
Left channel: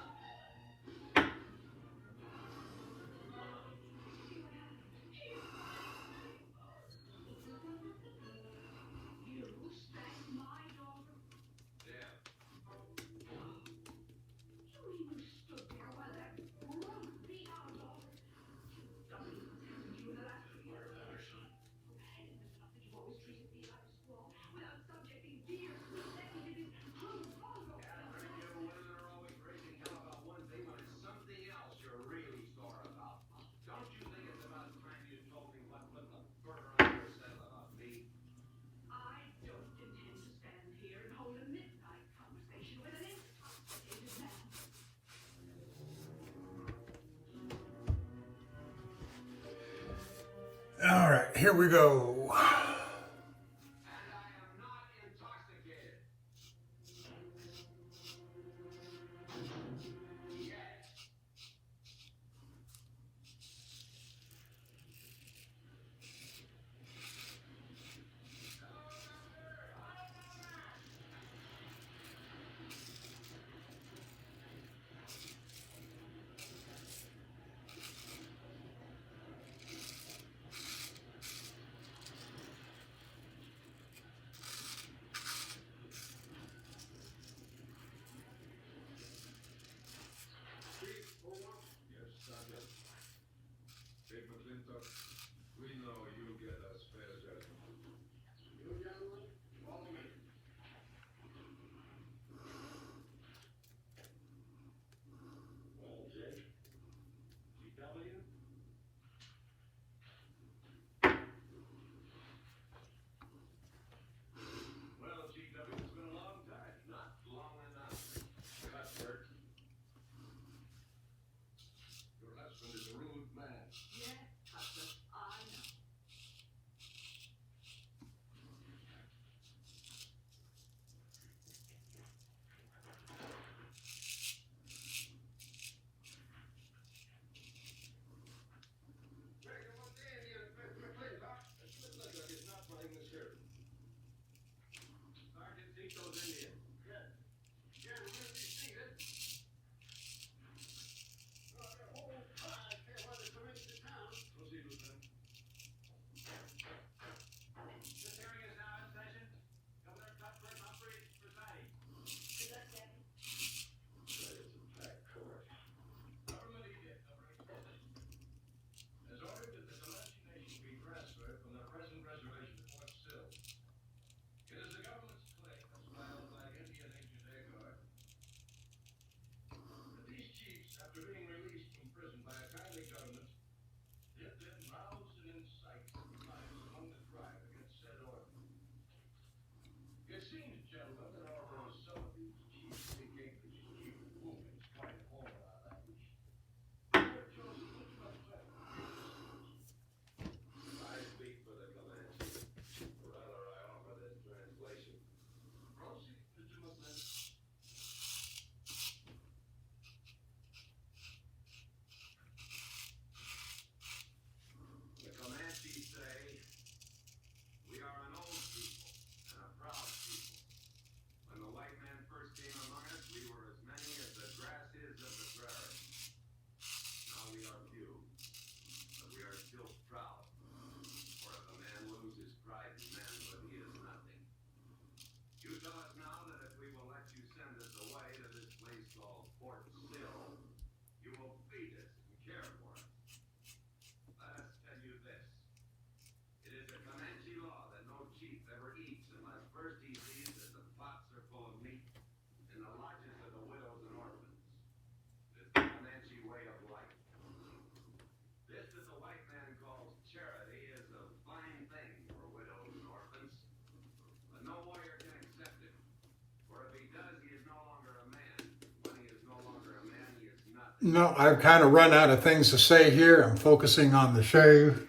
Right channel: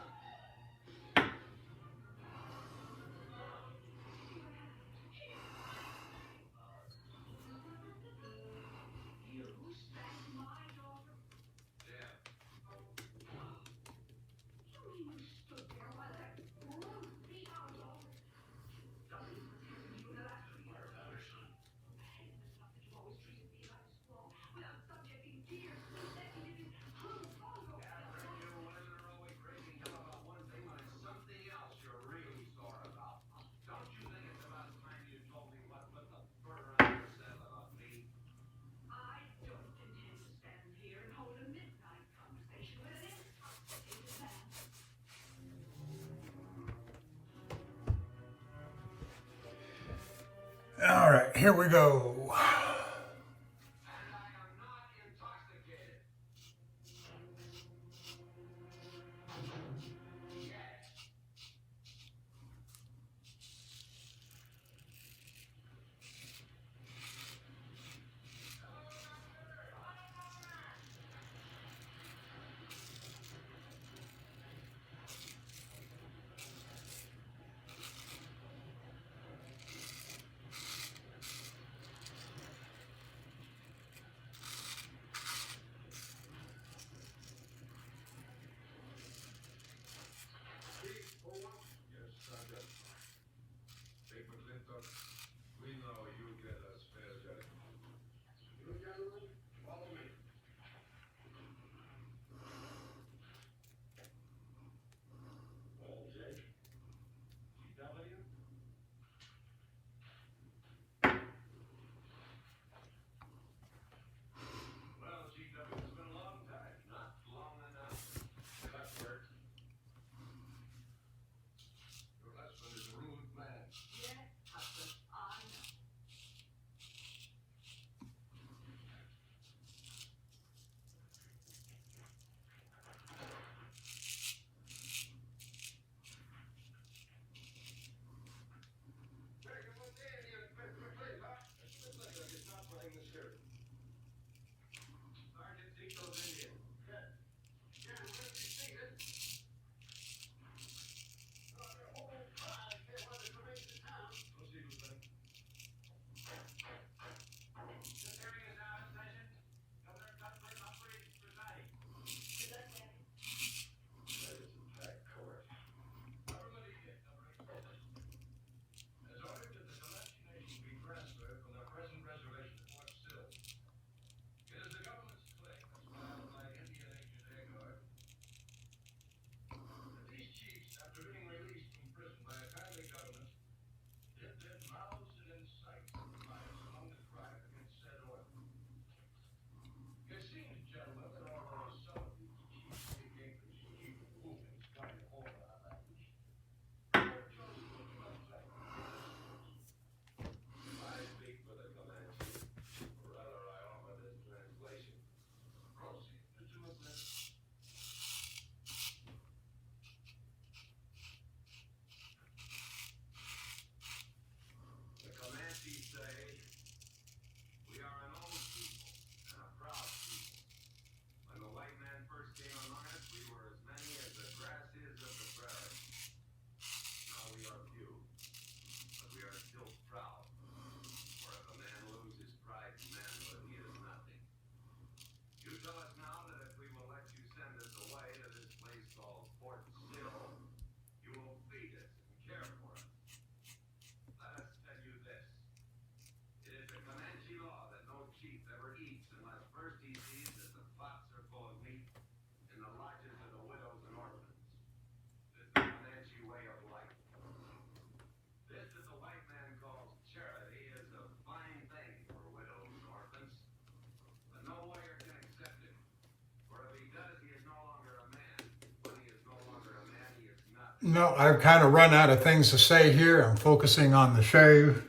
right, here we go. No, I've kind of run out of things to say here. I'm focusing on the shave,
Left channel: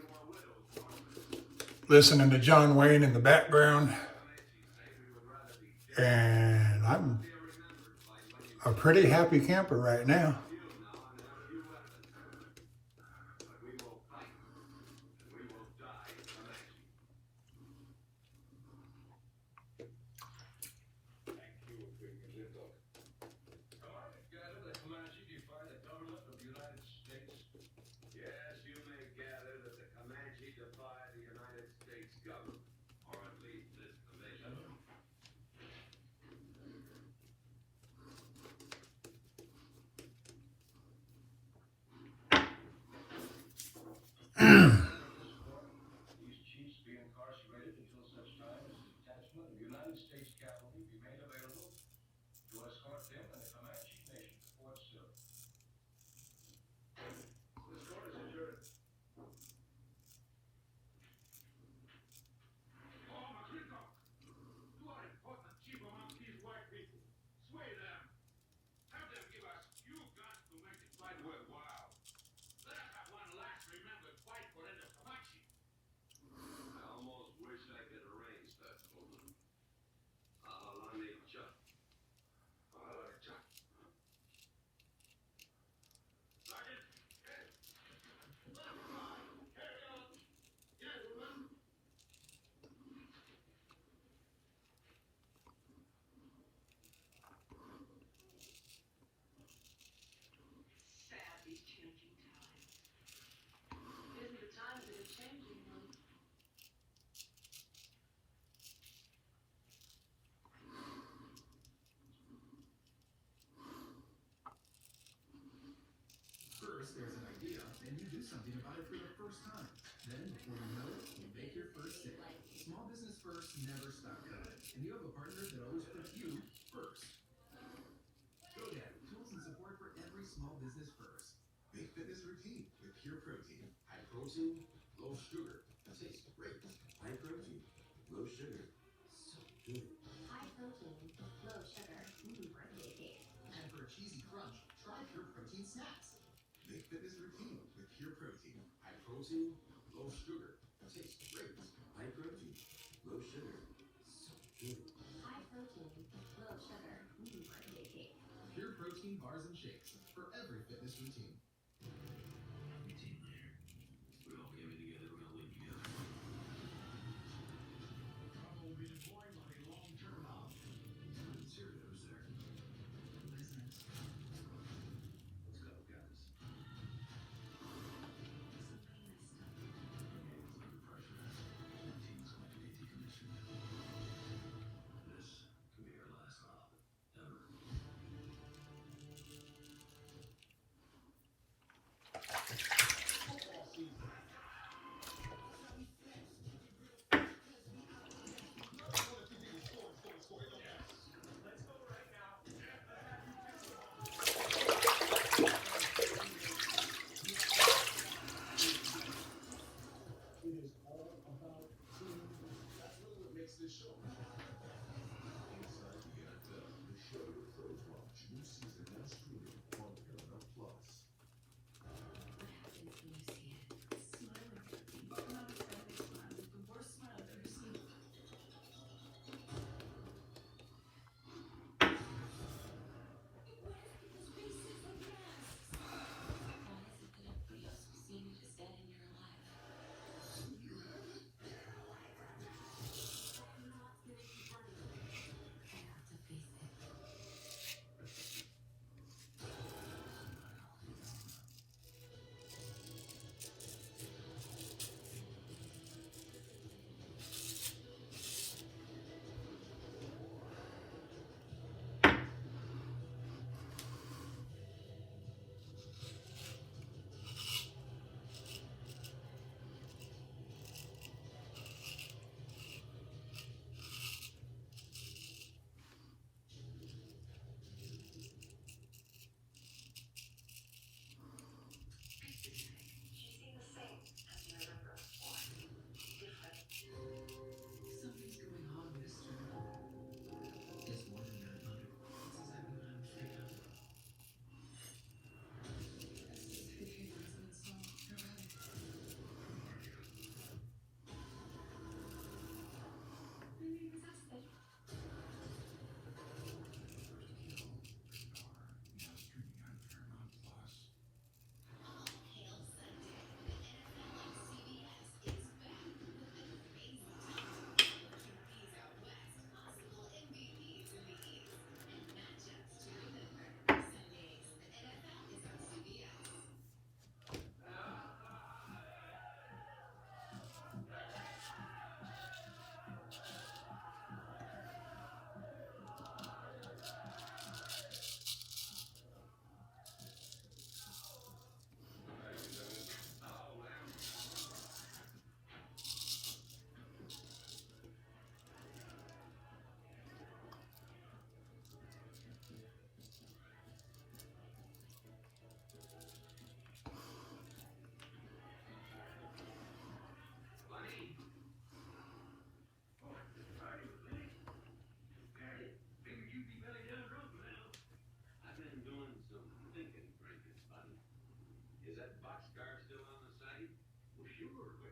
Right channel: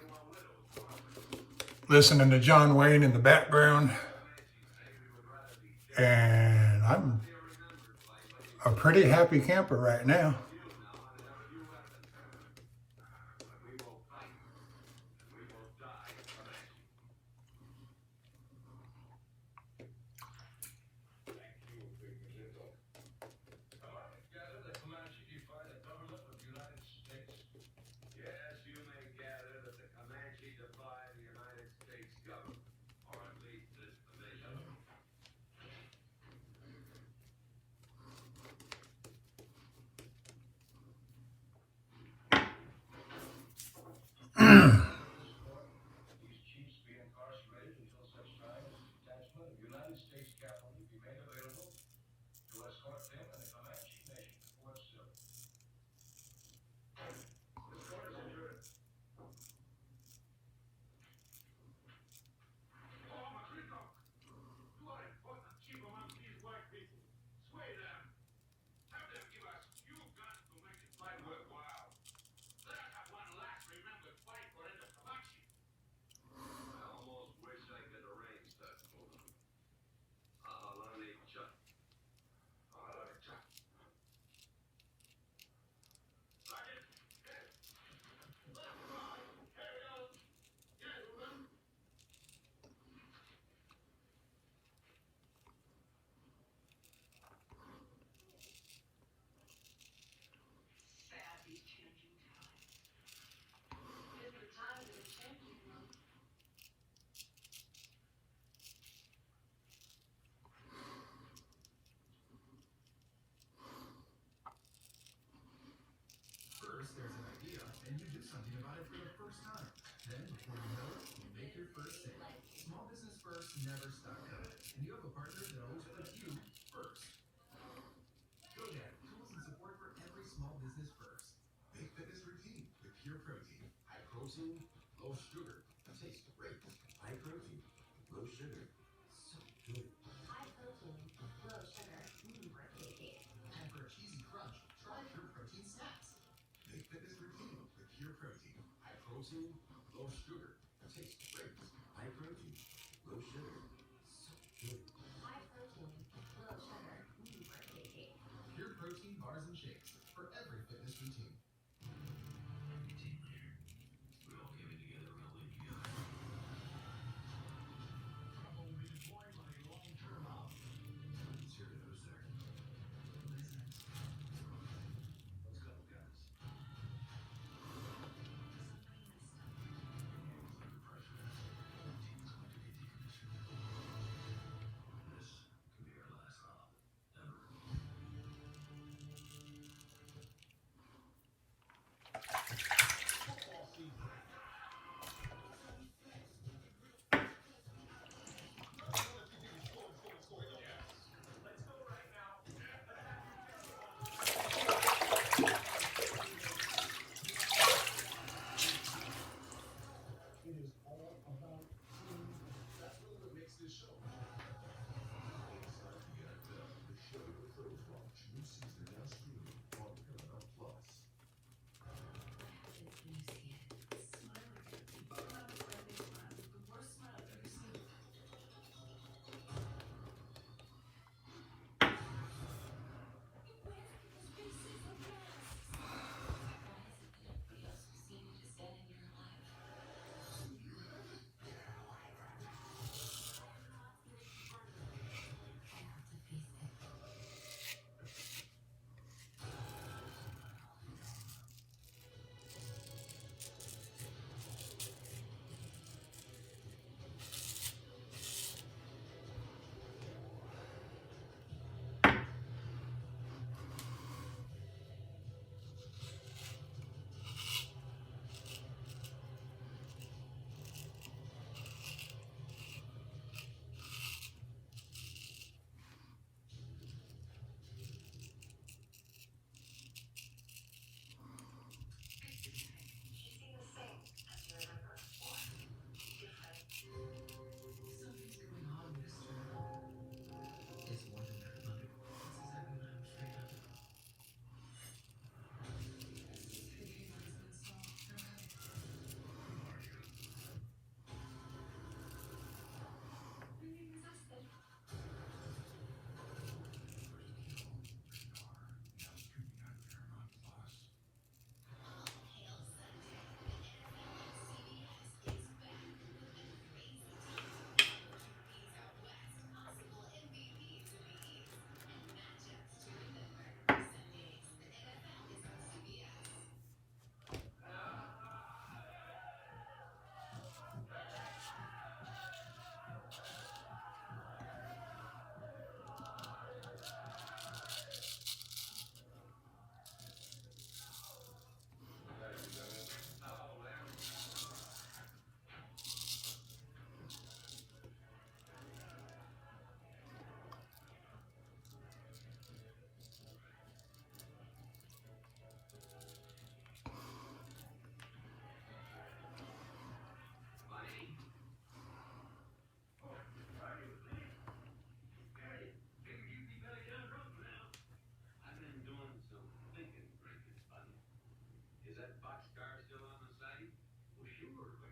listening to John Wayne in the background, and I'm a pretty happy camper right now. First, there's an idea, and you do something about it for the first time. Then, before you know it, you make your first sale. Small business first, never stop cutting. And you have a partner that always puts you first. GoDaddy, tools and support for every small business first. Make fitness routine with pure protein. High protein, low sugar. It tastes great. High protein, low sugar. So good. High protein, low sugar, birthday cake. And for a cheesy crunch, try Pure Protein Snacks. Make fitness routine with pure protein. High protein, low sugar. It tastes great. High protein, low sugar. So good. High protein, low sugar, birthday cake. Pure protein bars and shakes for every fitness routine. Your team leader. We all came in together, we're gonna live together. Trouble being employed by a long-term hub. It's your nose there. Business. Let's go, guys. The pressure. Team's going to be decommissioned. This could be our last stop. Ever. Football season. It is all about team. That's really what makes this show. Inside the NFL, the show first launch new season now streaming on Paramount Plus. Something's going on, mister. It's more than that, mother. It's exactly what I'm afraid of. Buddy. Oh, sorry, buddy. Got it. Figured you'd be back down the road now. I've been doing some thinking, Frankie, buddy. Is that boxcar still on the site? Well, sure, but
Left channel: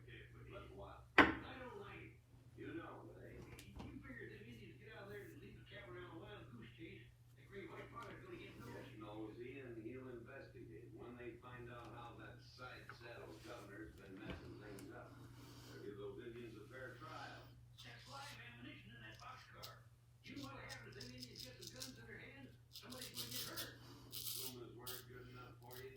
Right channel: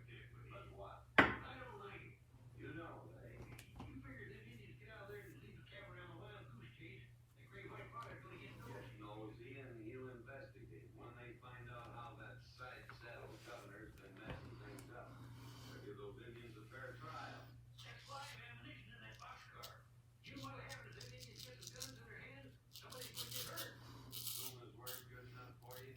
But what? I don't like it. You know, eh? You figure them Indians get out there and leave the cabin around a wild goose chase, the great white father's gonna get Just noticed. knows Ian, he'll investigate. When they find out how that side saddle governor's been messing things up. They'll give those Indians a fair trial. That's why I have ammunition in that boxcar. You know what happens if them Indians get some guns in their hands? Somebody's gonna get hurt. As soon as we're good enough for you,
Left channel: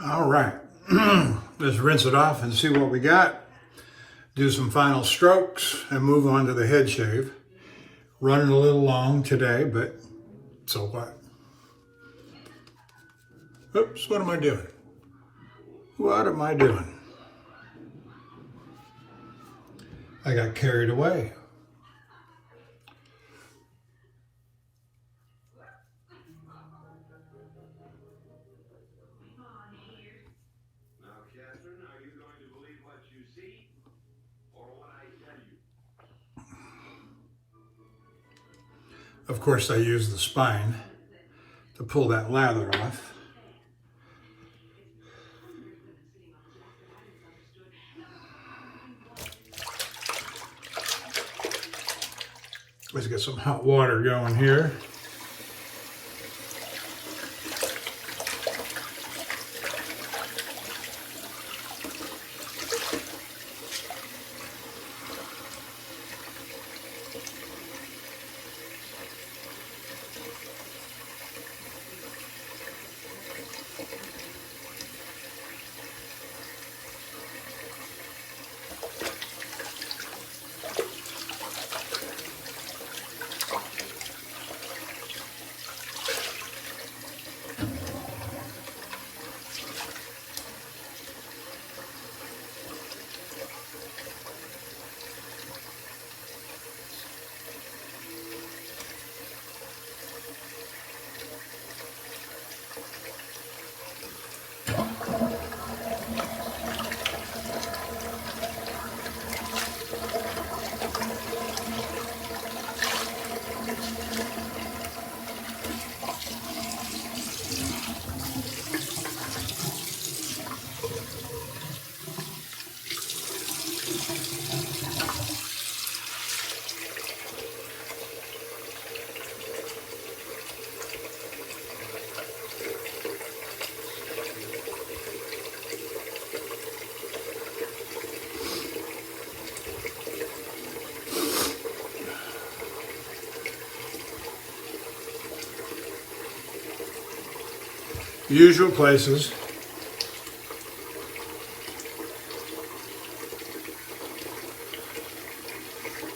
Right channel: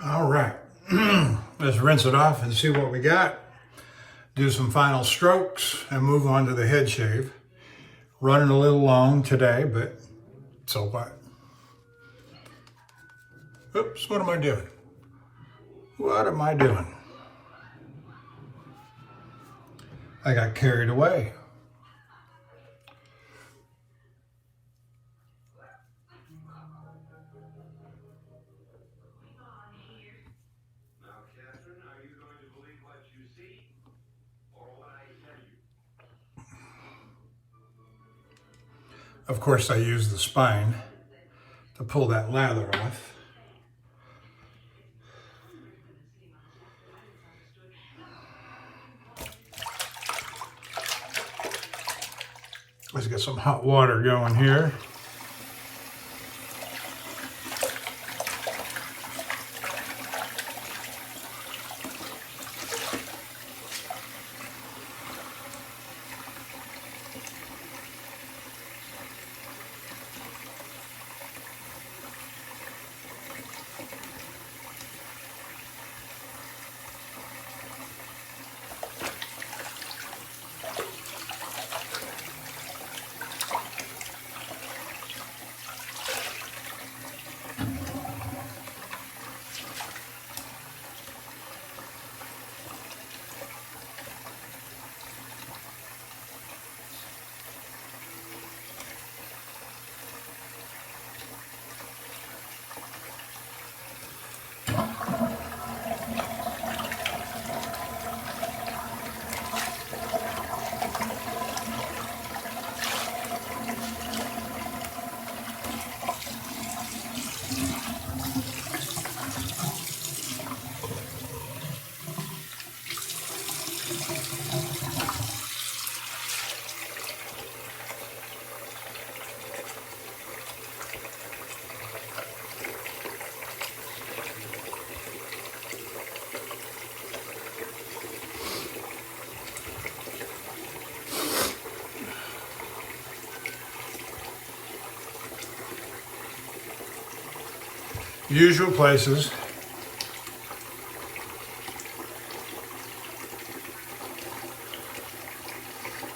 All right, let's rinse it off and see what we got. Do some final strokes and move on to the head shave. Running a little long today, but so what? Oops, what am I doing? What am I doing? I got carried away. Now, Catherine, are you going to believe what you see or what I tell you? Of course, I use the spine to pull that lather off. Let's get some hot water going here. Usual places.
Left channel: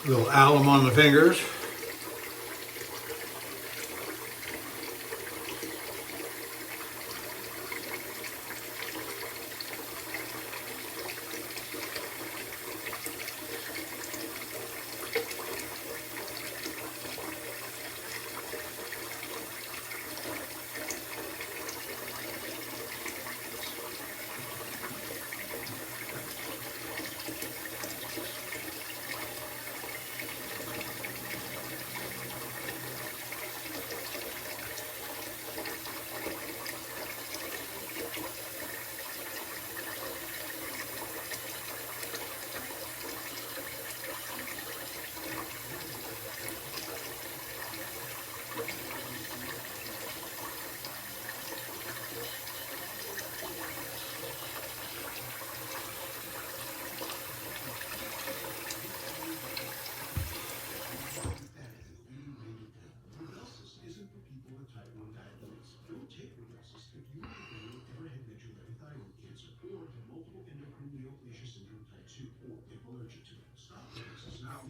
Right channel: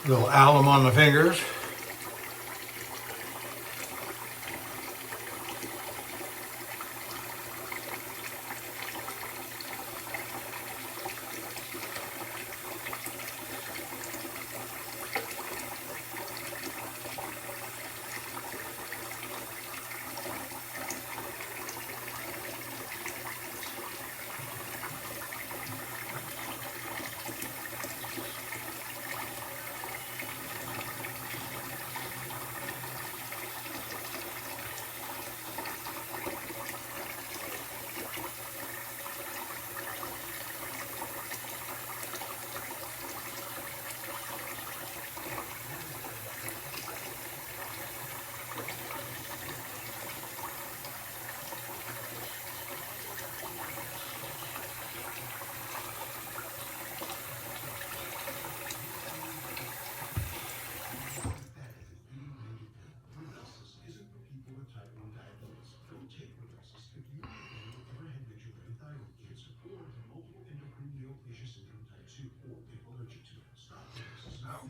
Little alum on the fingers.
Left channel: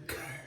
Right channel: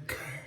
Okay.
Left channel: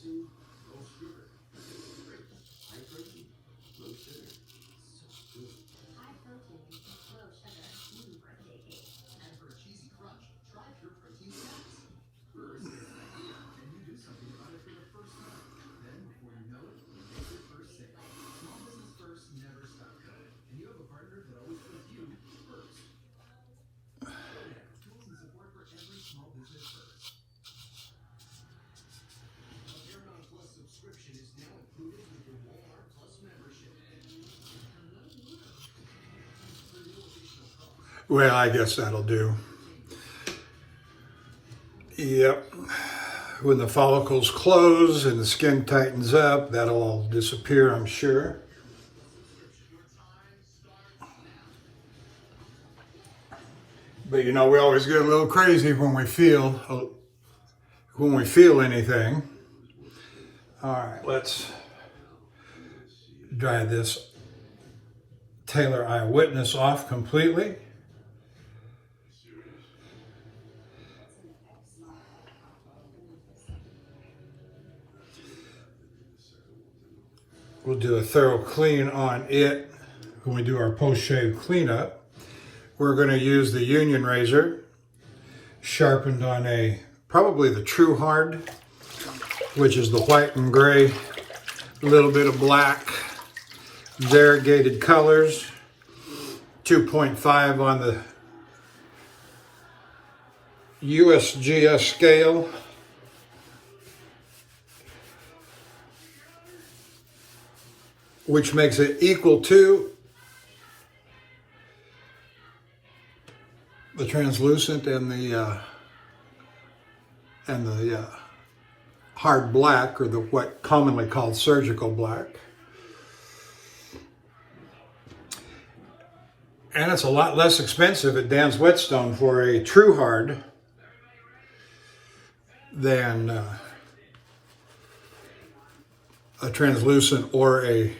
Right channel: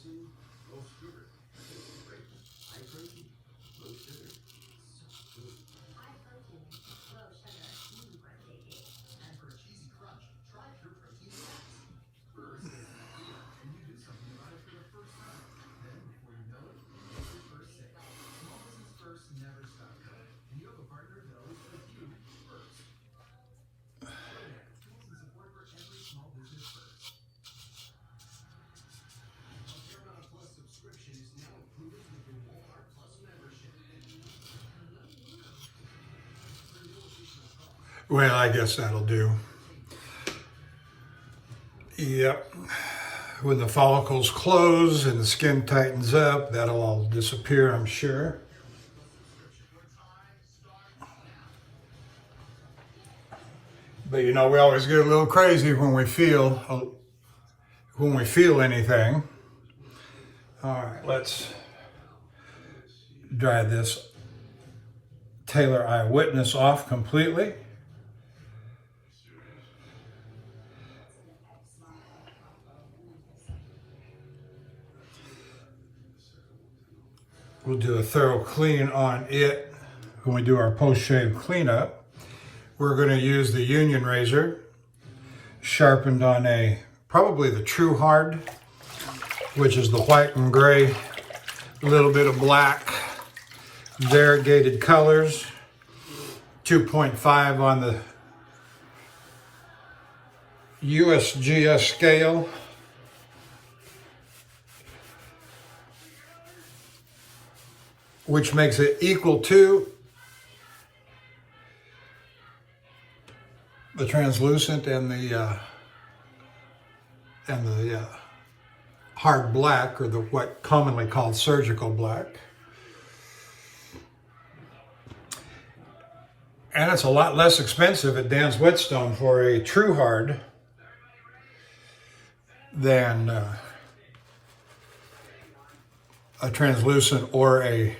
Simpson, low sugar. Great. High protein, low sugar. So good. High protein, low sugar, birthday cake. And for a cheesy crunch, try Pure Protein Sticks. First, it's an idea, and you do something about it for the first time. Then, before you know it, you make your first sale. Small business first, never stop growing. And you have a partner that always puts you first. Go now. Tools and support for every small business first. A Paramount Plus subscription is now included with your Walmart Plus membership. Well, I guess that'll do. Yep. When the follicles close and the skin tightens up, that'll all disappear, I'm sure. But you know, we always get a little crazy when we feel anything. All right, let's dry this Taylor Eyewitness off completely. We'll do a thorough clean on it when we do our post-shave cleanup. We're going to use the Union razor, sharpened on probably the True Hard, which is the white and gray, a little bit of black, variegated colors, 2.5 on the USGS scale. Which makes it equal to the translucent and the hard black, or the what commonly called surgical black. And it's a lot less expensive at Dan's Whetstone for a True Hard than a translucent or a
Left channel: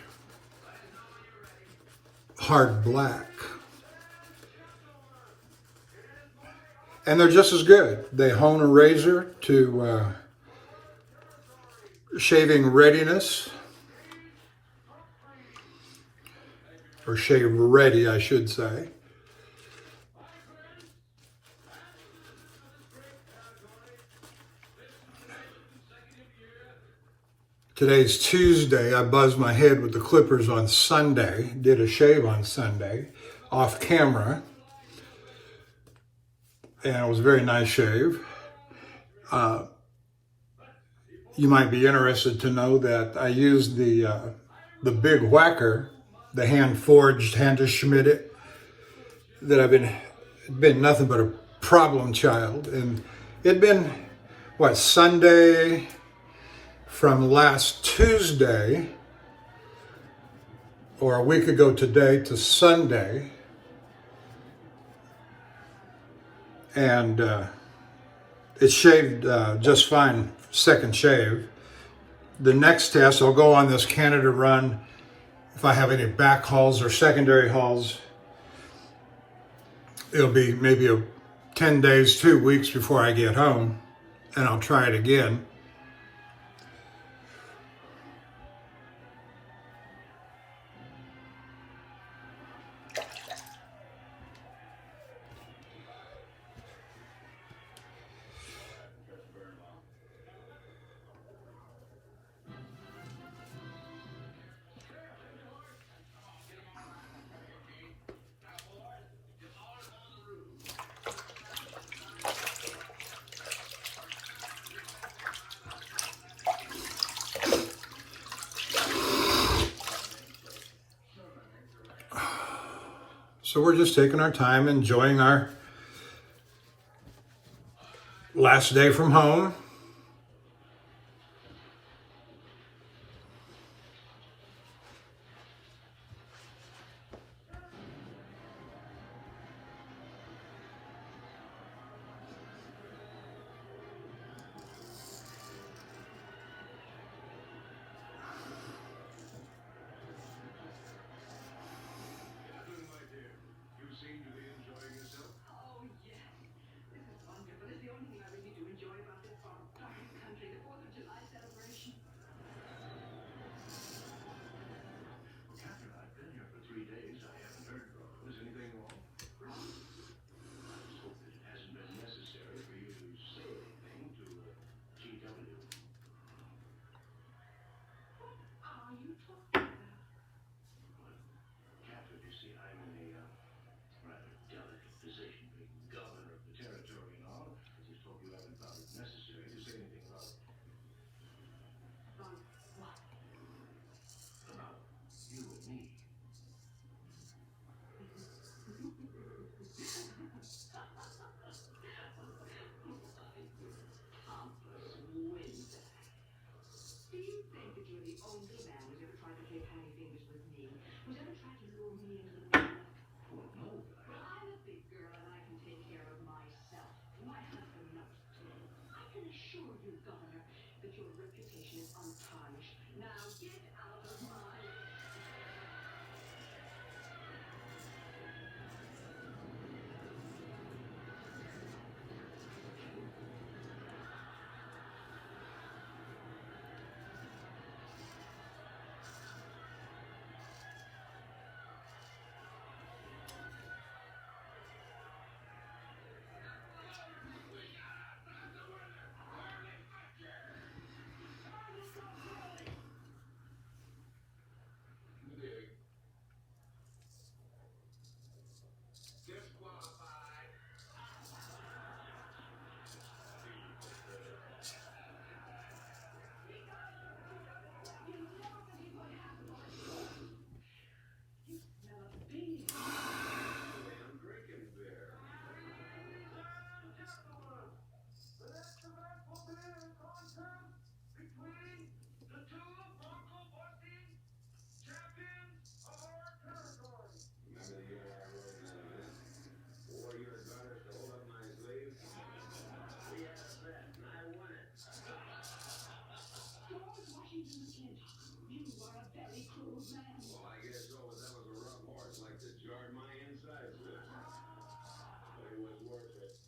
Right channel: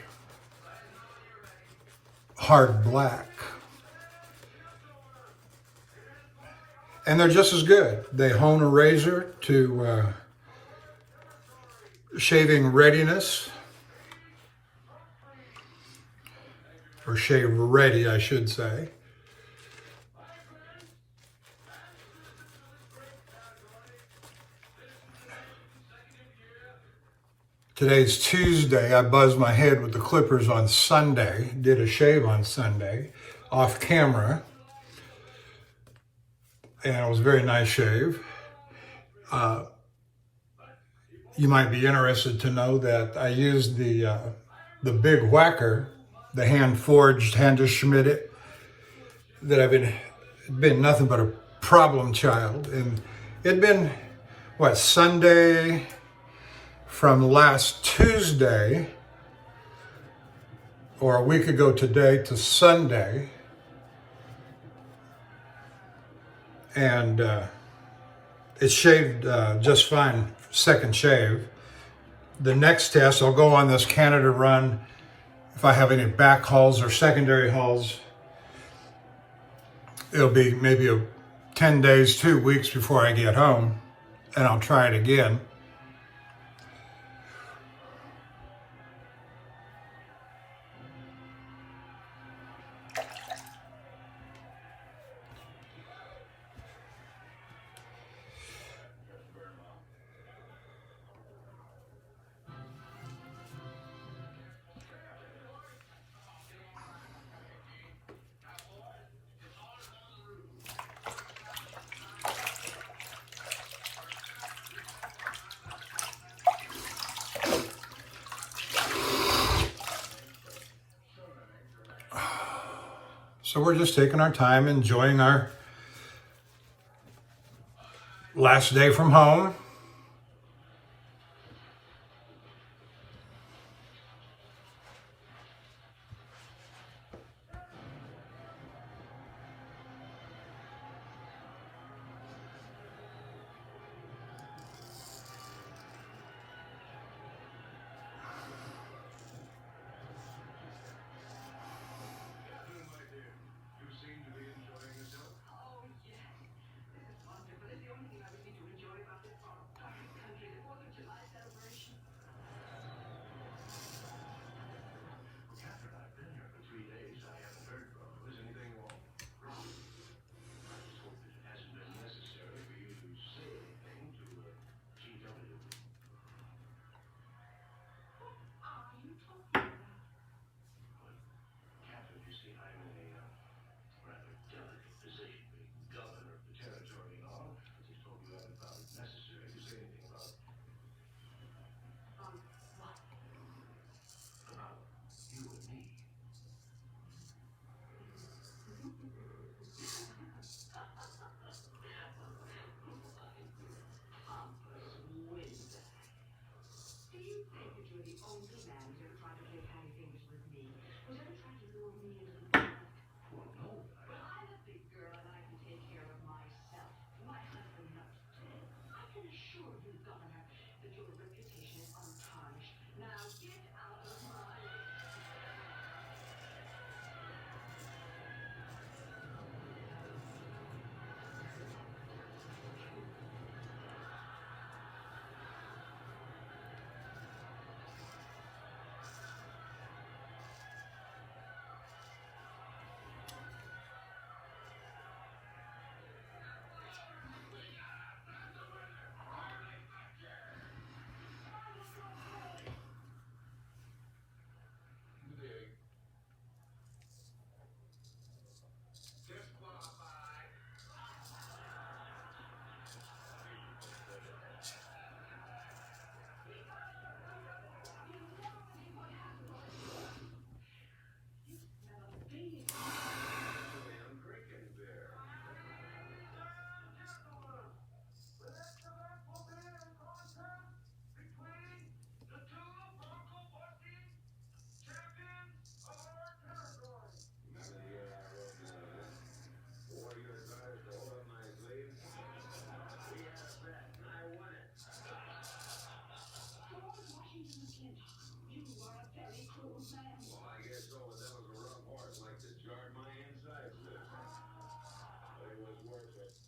hard black. And they're just as good. They hone a razor to shaving readiness, or shave ready, I should say. Today's Tuesday. I buzzed my head with the clippers on Sunday, did a shave on Sunday, off camera, and it was a very nice shave. You might be interested to know that I used the big whacker, the hand-forged, hand-schmidted, that I've been nothing but a problem child. And it'd been, what, Sunday, from last Tuesday, or a week ago today, to Sunday, and it shaved just fine, second shave. The next test, I'll go on this Canada run if I have any back hauls or secondary hauls. It'll be maybe 10 days, 2 weeks before I get home, and I'll try it again. So we're just taking our time, enjoying our last day from home. You seem to be enjoying yourself. Oh, yes. This is wonderful. It's the only thing I really do enjoy about this farm. the only man who's ever tried to play patty fingers with me, who's ever tried to lure me into the bed. Well, no. Well, I'm a big girl and I can take care of myself. My husband knows. I can assure you, Governor, that your reputation is untarnished. Now get out of my... Disqualified. I'm drinking beer. Let's the rifle beer contest between the two local Whisking champions of our territory. Remember the year I rode the warrior guards to hold up my sleeve? We had a bet and I won it. George Washington McClintock, you are a very cruel man. Well, I guess so, but that was a rough horse like to jar my insides with. But it was worth it.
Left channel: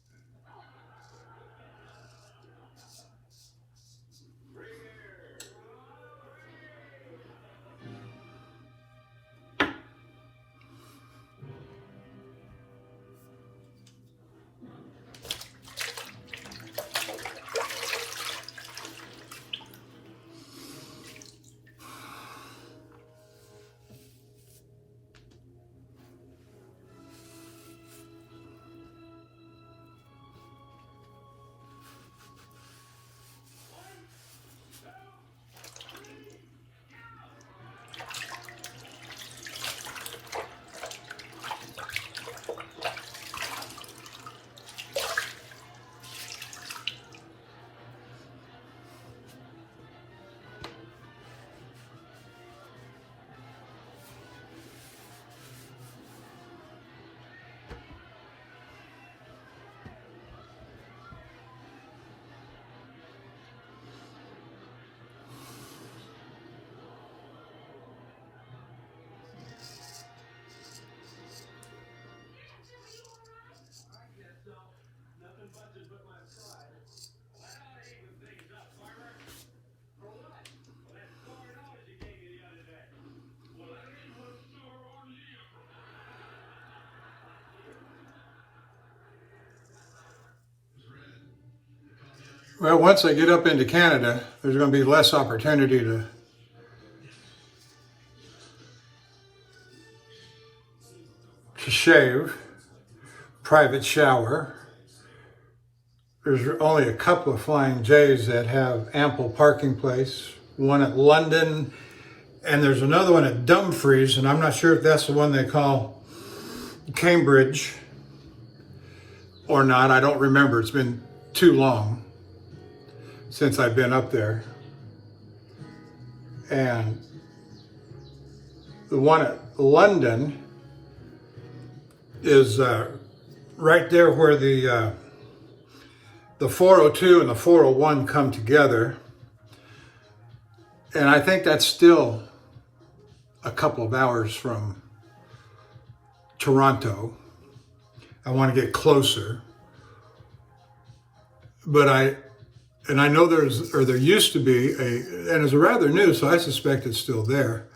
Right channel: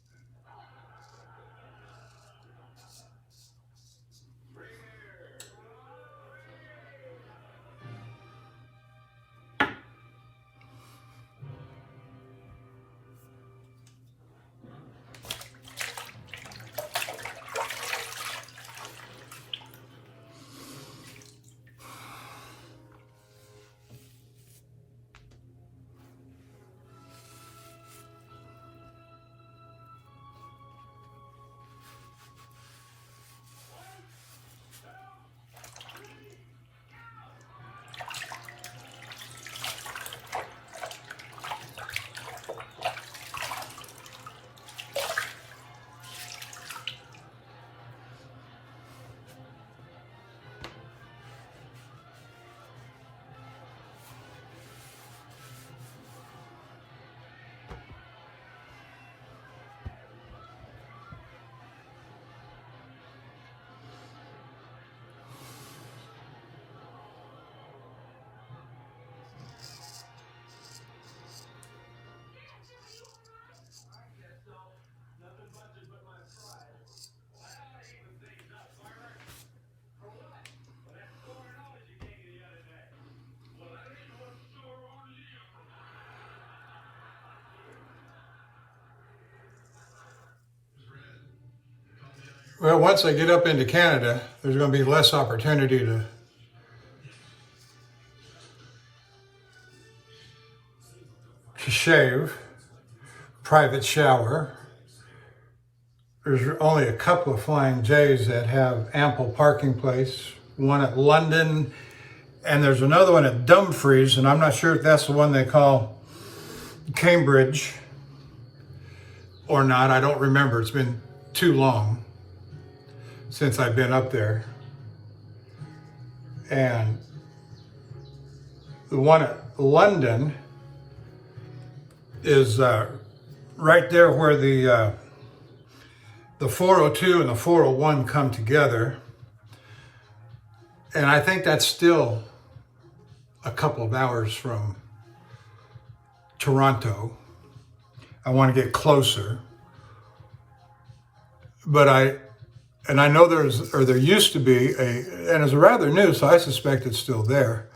Bring here. I guess so. Nothing budget but my pride. Well, I even things up, Farmer. For what? Well, that $200 you gave me the other day. Well, that ain't no sore on you. Well, once I get up into Canada, there's going to be less opportunity to shave, private shower. There's only a couple of Flying J's that have ample parking place. One at London, and there's another one at Dumfries, and I'm not sure if that's the one they call Cambridge or not. I don't remember. It's been too long since I've been up there. And the one at London is right there where the 402 and the 401 come together. And I think that's still a couple of hours from Toronto. I want to get closer. But I know there used to be and it's rather new, so I suspect it's still there,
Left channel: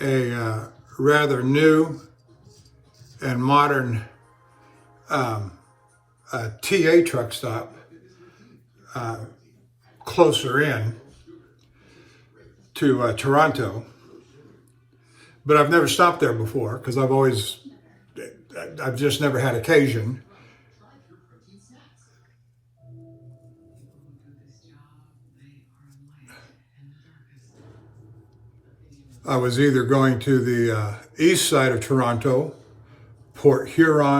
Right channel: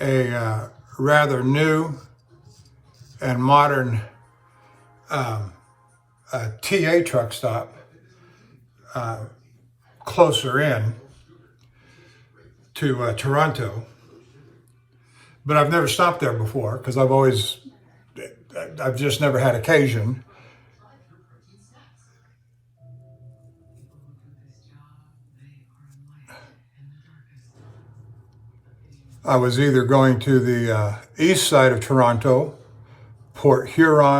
a rather new and modern TA truck stop closer in to Toronto. But I've never stopped there before because I've just never had occasion. I was either going to the east side of Toronto, Port Hope,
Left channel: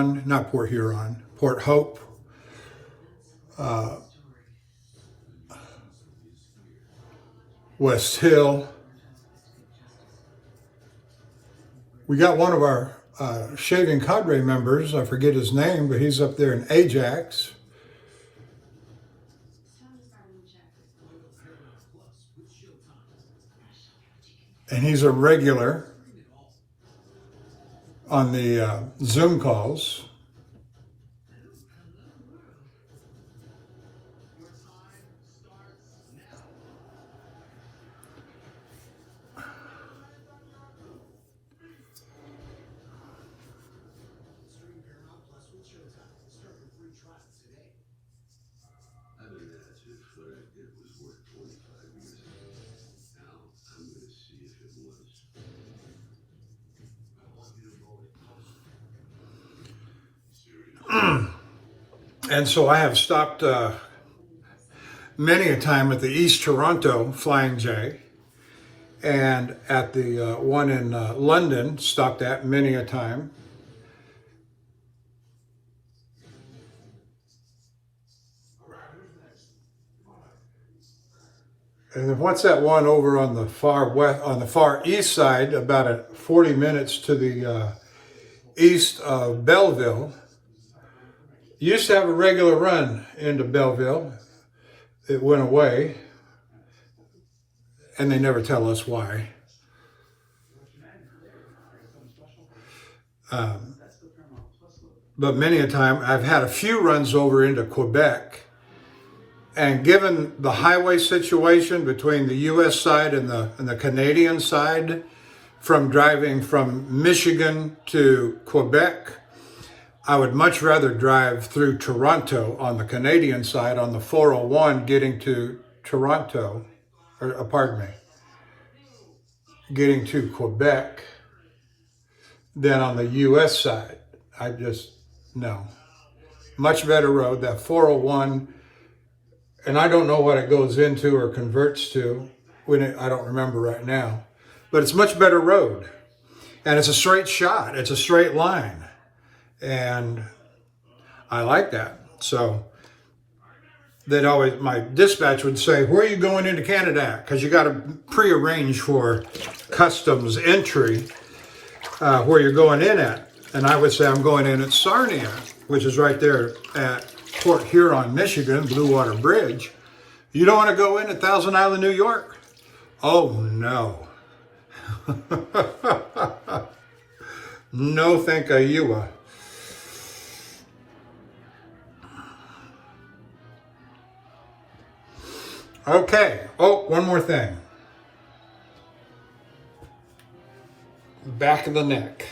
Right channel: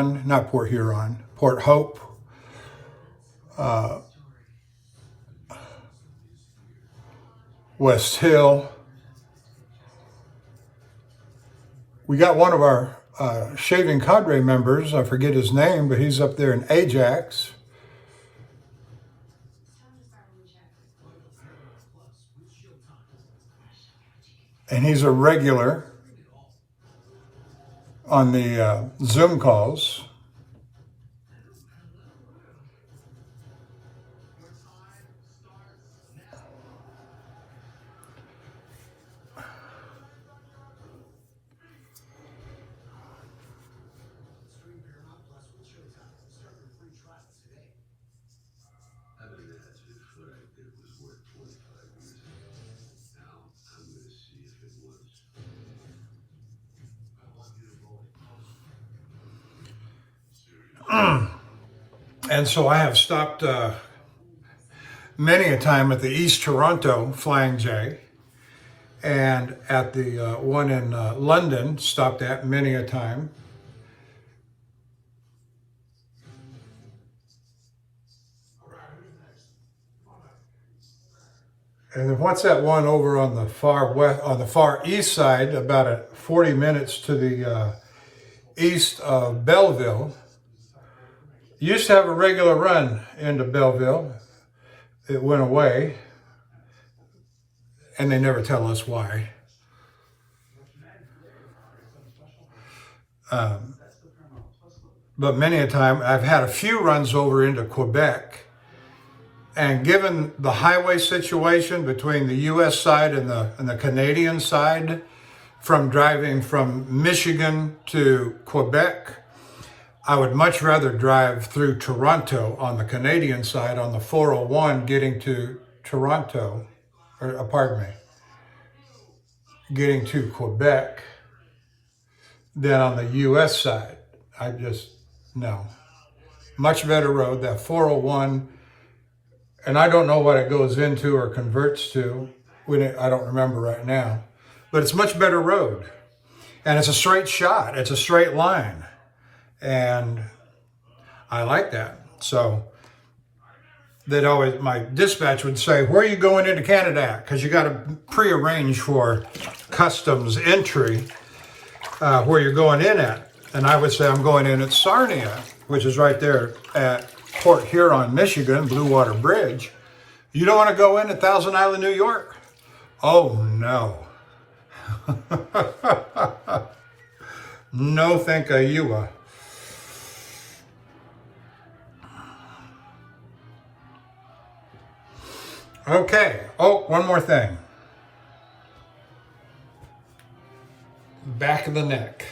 West Hill, We got one of our shaving cadre members, I forget his name, but he's up there in Ajax. And he's a regular on the Zoom calls. I've been asked if what I did was worth 25 years ago. Now, I'm going to see if it was. And so I have stopped many a time at the East Toronto Flying J, and at the one in London, stopped at many a time. And then what's that one over on the far west, on the far east side, about 40 minutes to the east of Belleville? Used to have a regular run into Belleville. It went away, and they never tell us why. But many a time, I've had a few runs over into Quebec, and given the highway situation between the U.S. side and the Canadian side, from driving from Michigan to Quebec, I would much rather drive through Toronto on the Canadian side on the 401 getting to Toronto, or pardon me, getting to Quebec than on the U.S. side. No. Much better road, that 401, and I don't know what it goes into or converts to. I don't remember right now. But it's much better road. And it's a straight shot. It's a straight line. And I like that. So my dispatch would say, where are you going into Canada at? Because you got to prearrange for customs entry where you're going in at. And I would say, I'm going in at Sarnia, which is right there at Port Huron, Michigan, Blue Water Bridge. You don't want to go in at Thousand Island, New York? Oh, no. No, thank you. Okay. Oh, one more thing. Back of the neck.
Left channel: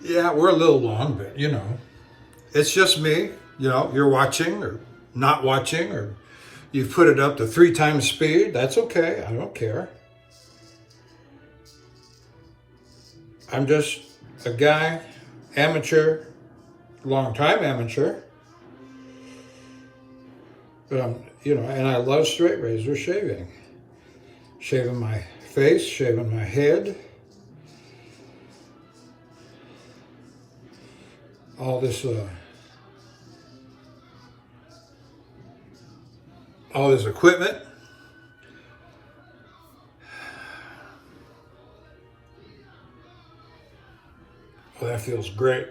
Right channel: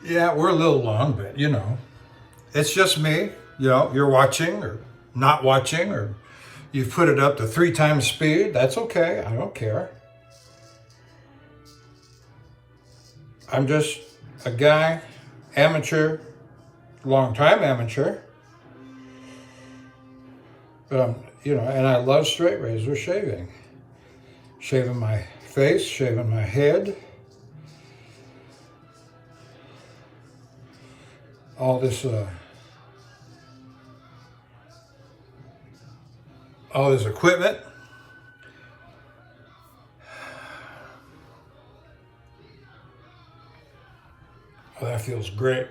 Yeah, we're a little long, but you know, it's just me. You know, you're watching or not watching, or you've put it up to 3 times speed. That's okay. I don't care. I'm just a guy, amateur, long-time amateur. But and I love straight razor shaving. Shaving my face, shaving my head. All this equipment. Oh, that feels great.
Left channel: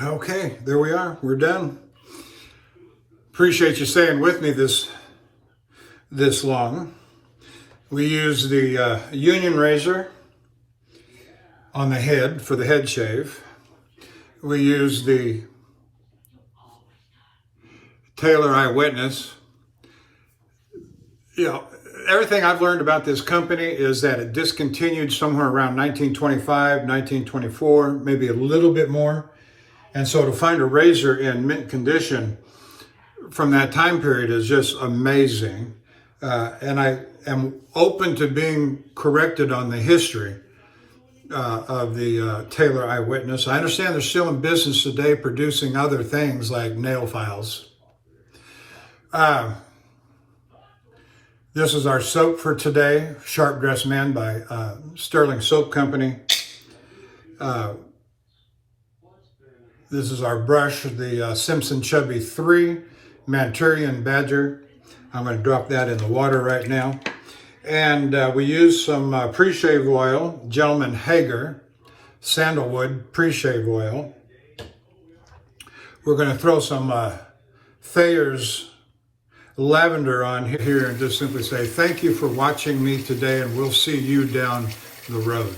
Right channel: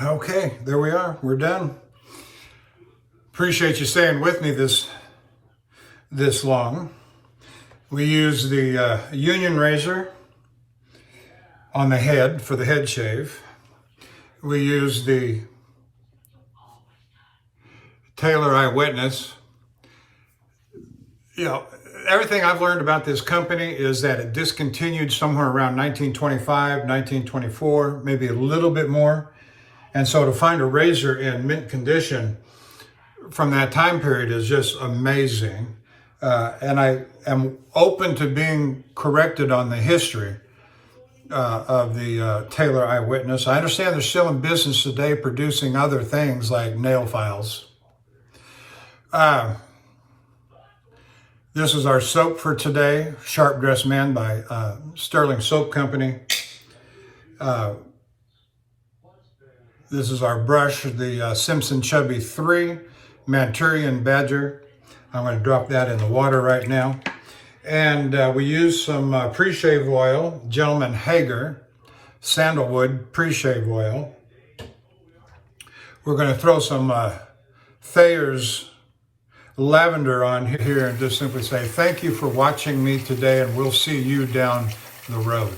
Okay, there we are. We're done. Appreciate you staying with me this long. We use the Union razor on the head for the head shave. We use the Taylor Eyewitness. You know, everything I've learned about this company is that it discontinued somewhere around 1925, 1924, maybe a little bit more. And so to find a razor in mint condition from that time period is just amazing. And I am open to being corrected on the history of the Taylor Eyewitness. I understand they're still in business today producing other things like nail files. This is our soap for today, Sharp Dressed Man by Stirling Soap Company. This is our brush, the Simpson Chubby 3 Manchurian Badger. I'm going to drop that in the water right now. And we use some pre-shave oil, Gentleman Hager, sandalwood pre-shave oil. We're going to throw some Thayer's lavender on here and just simply say thank you for watching me today, and we'll see you down the road.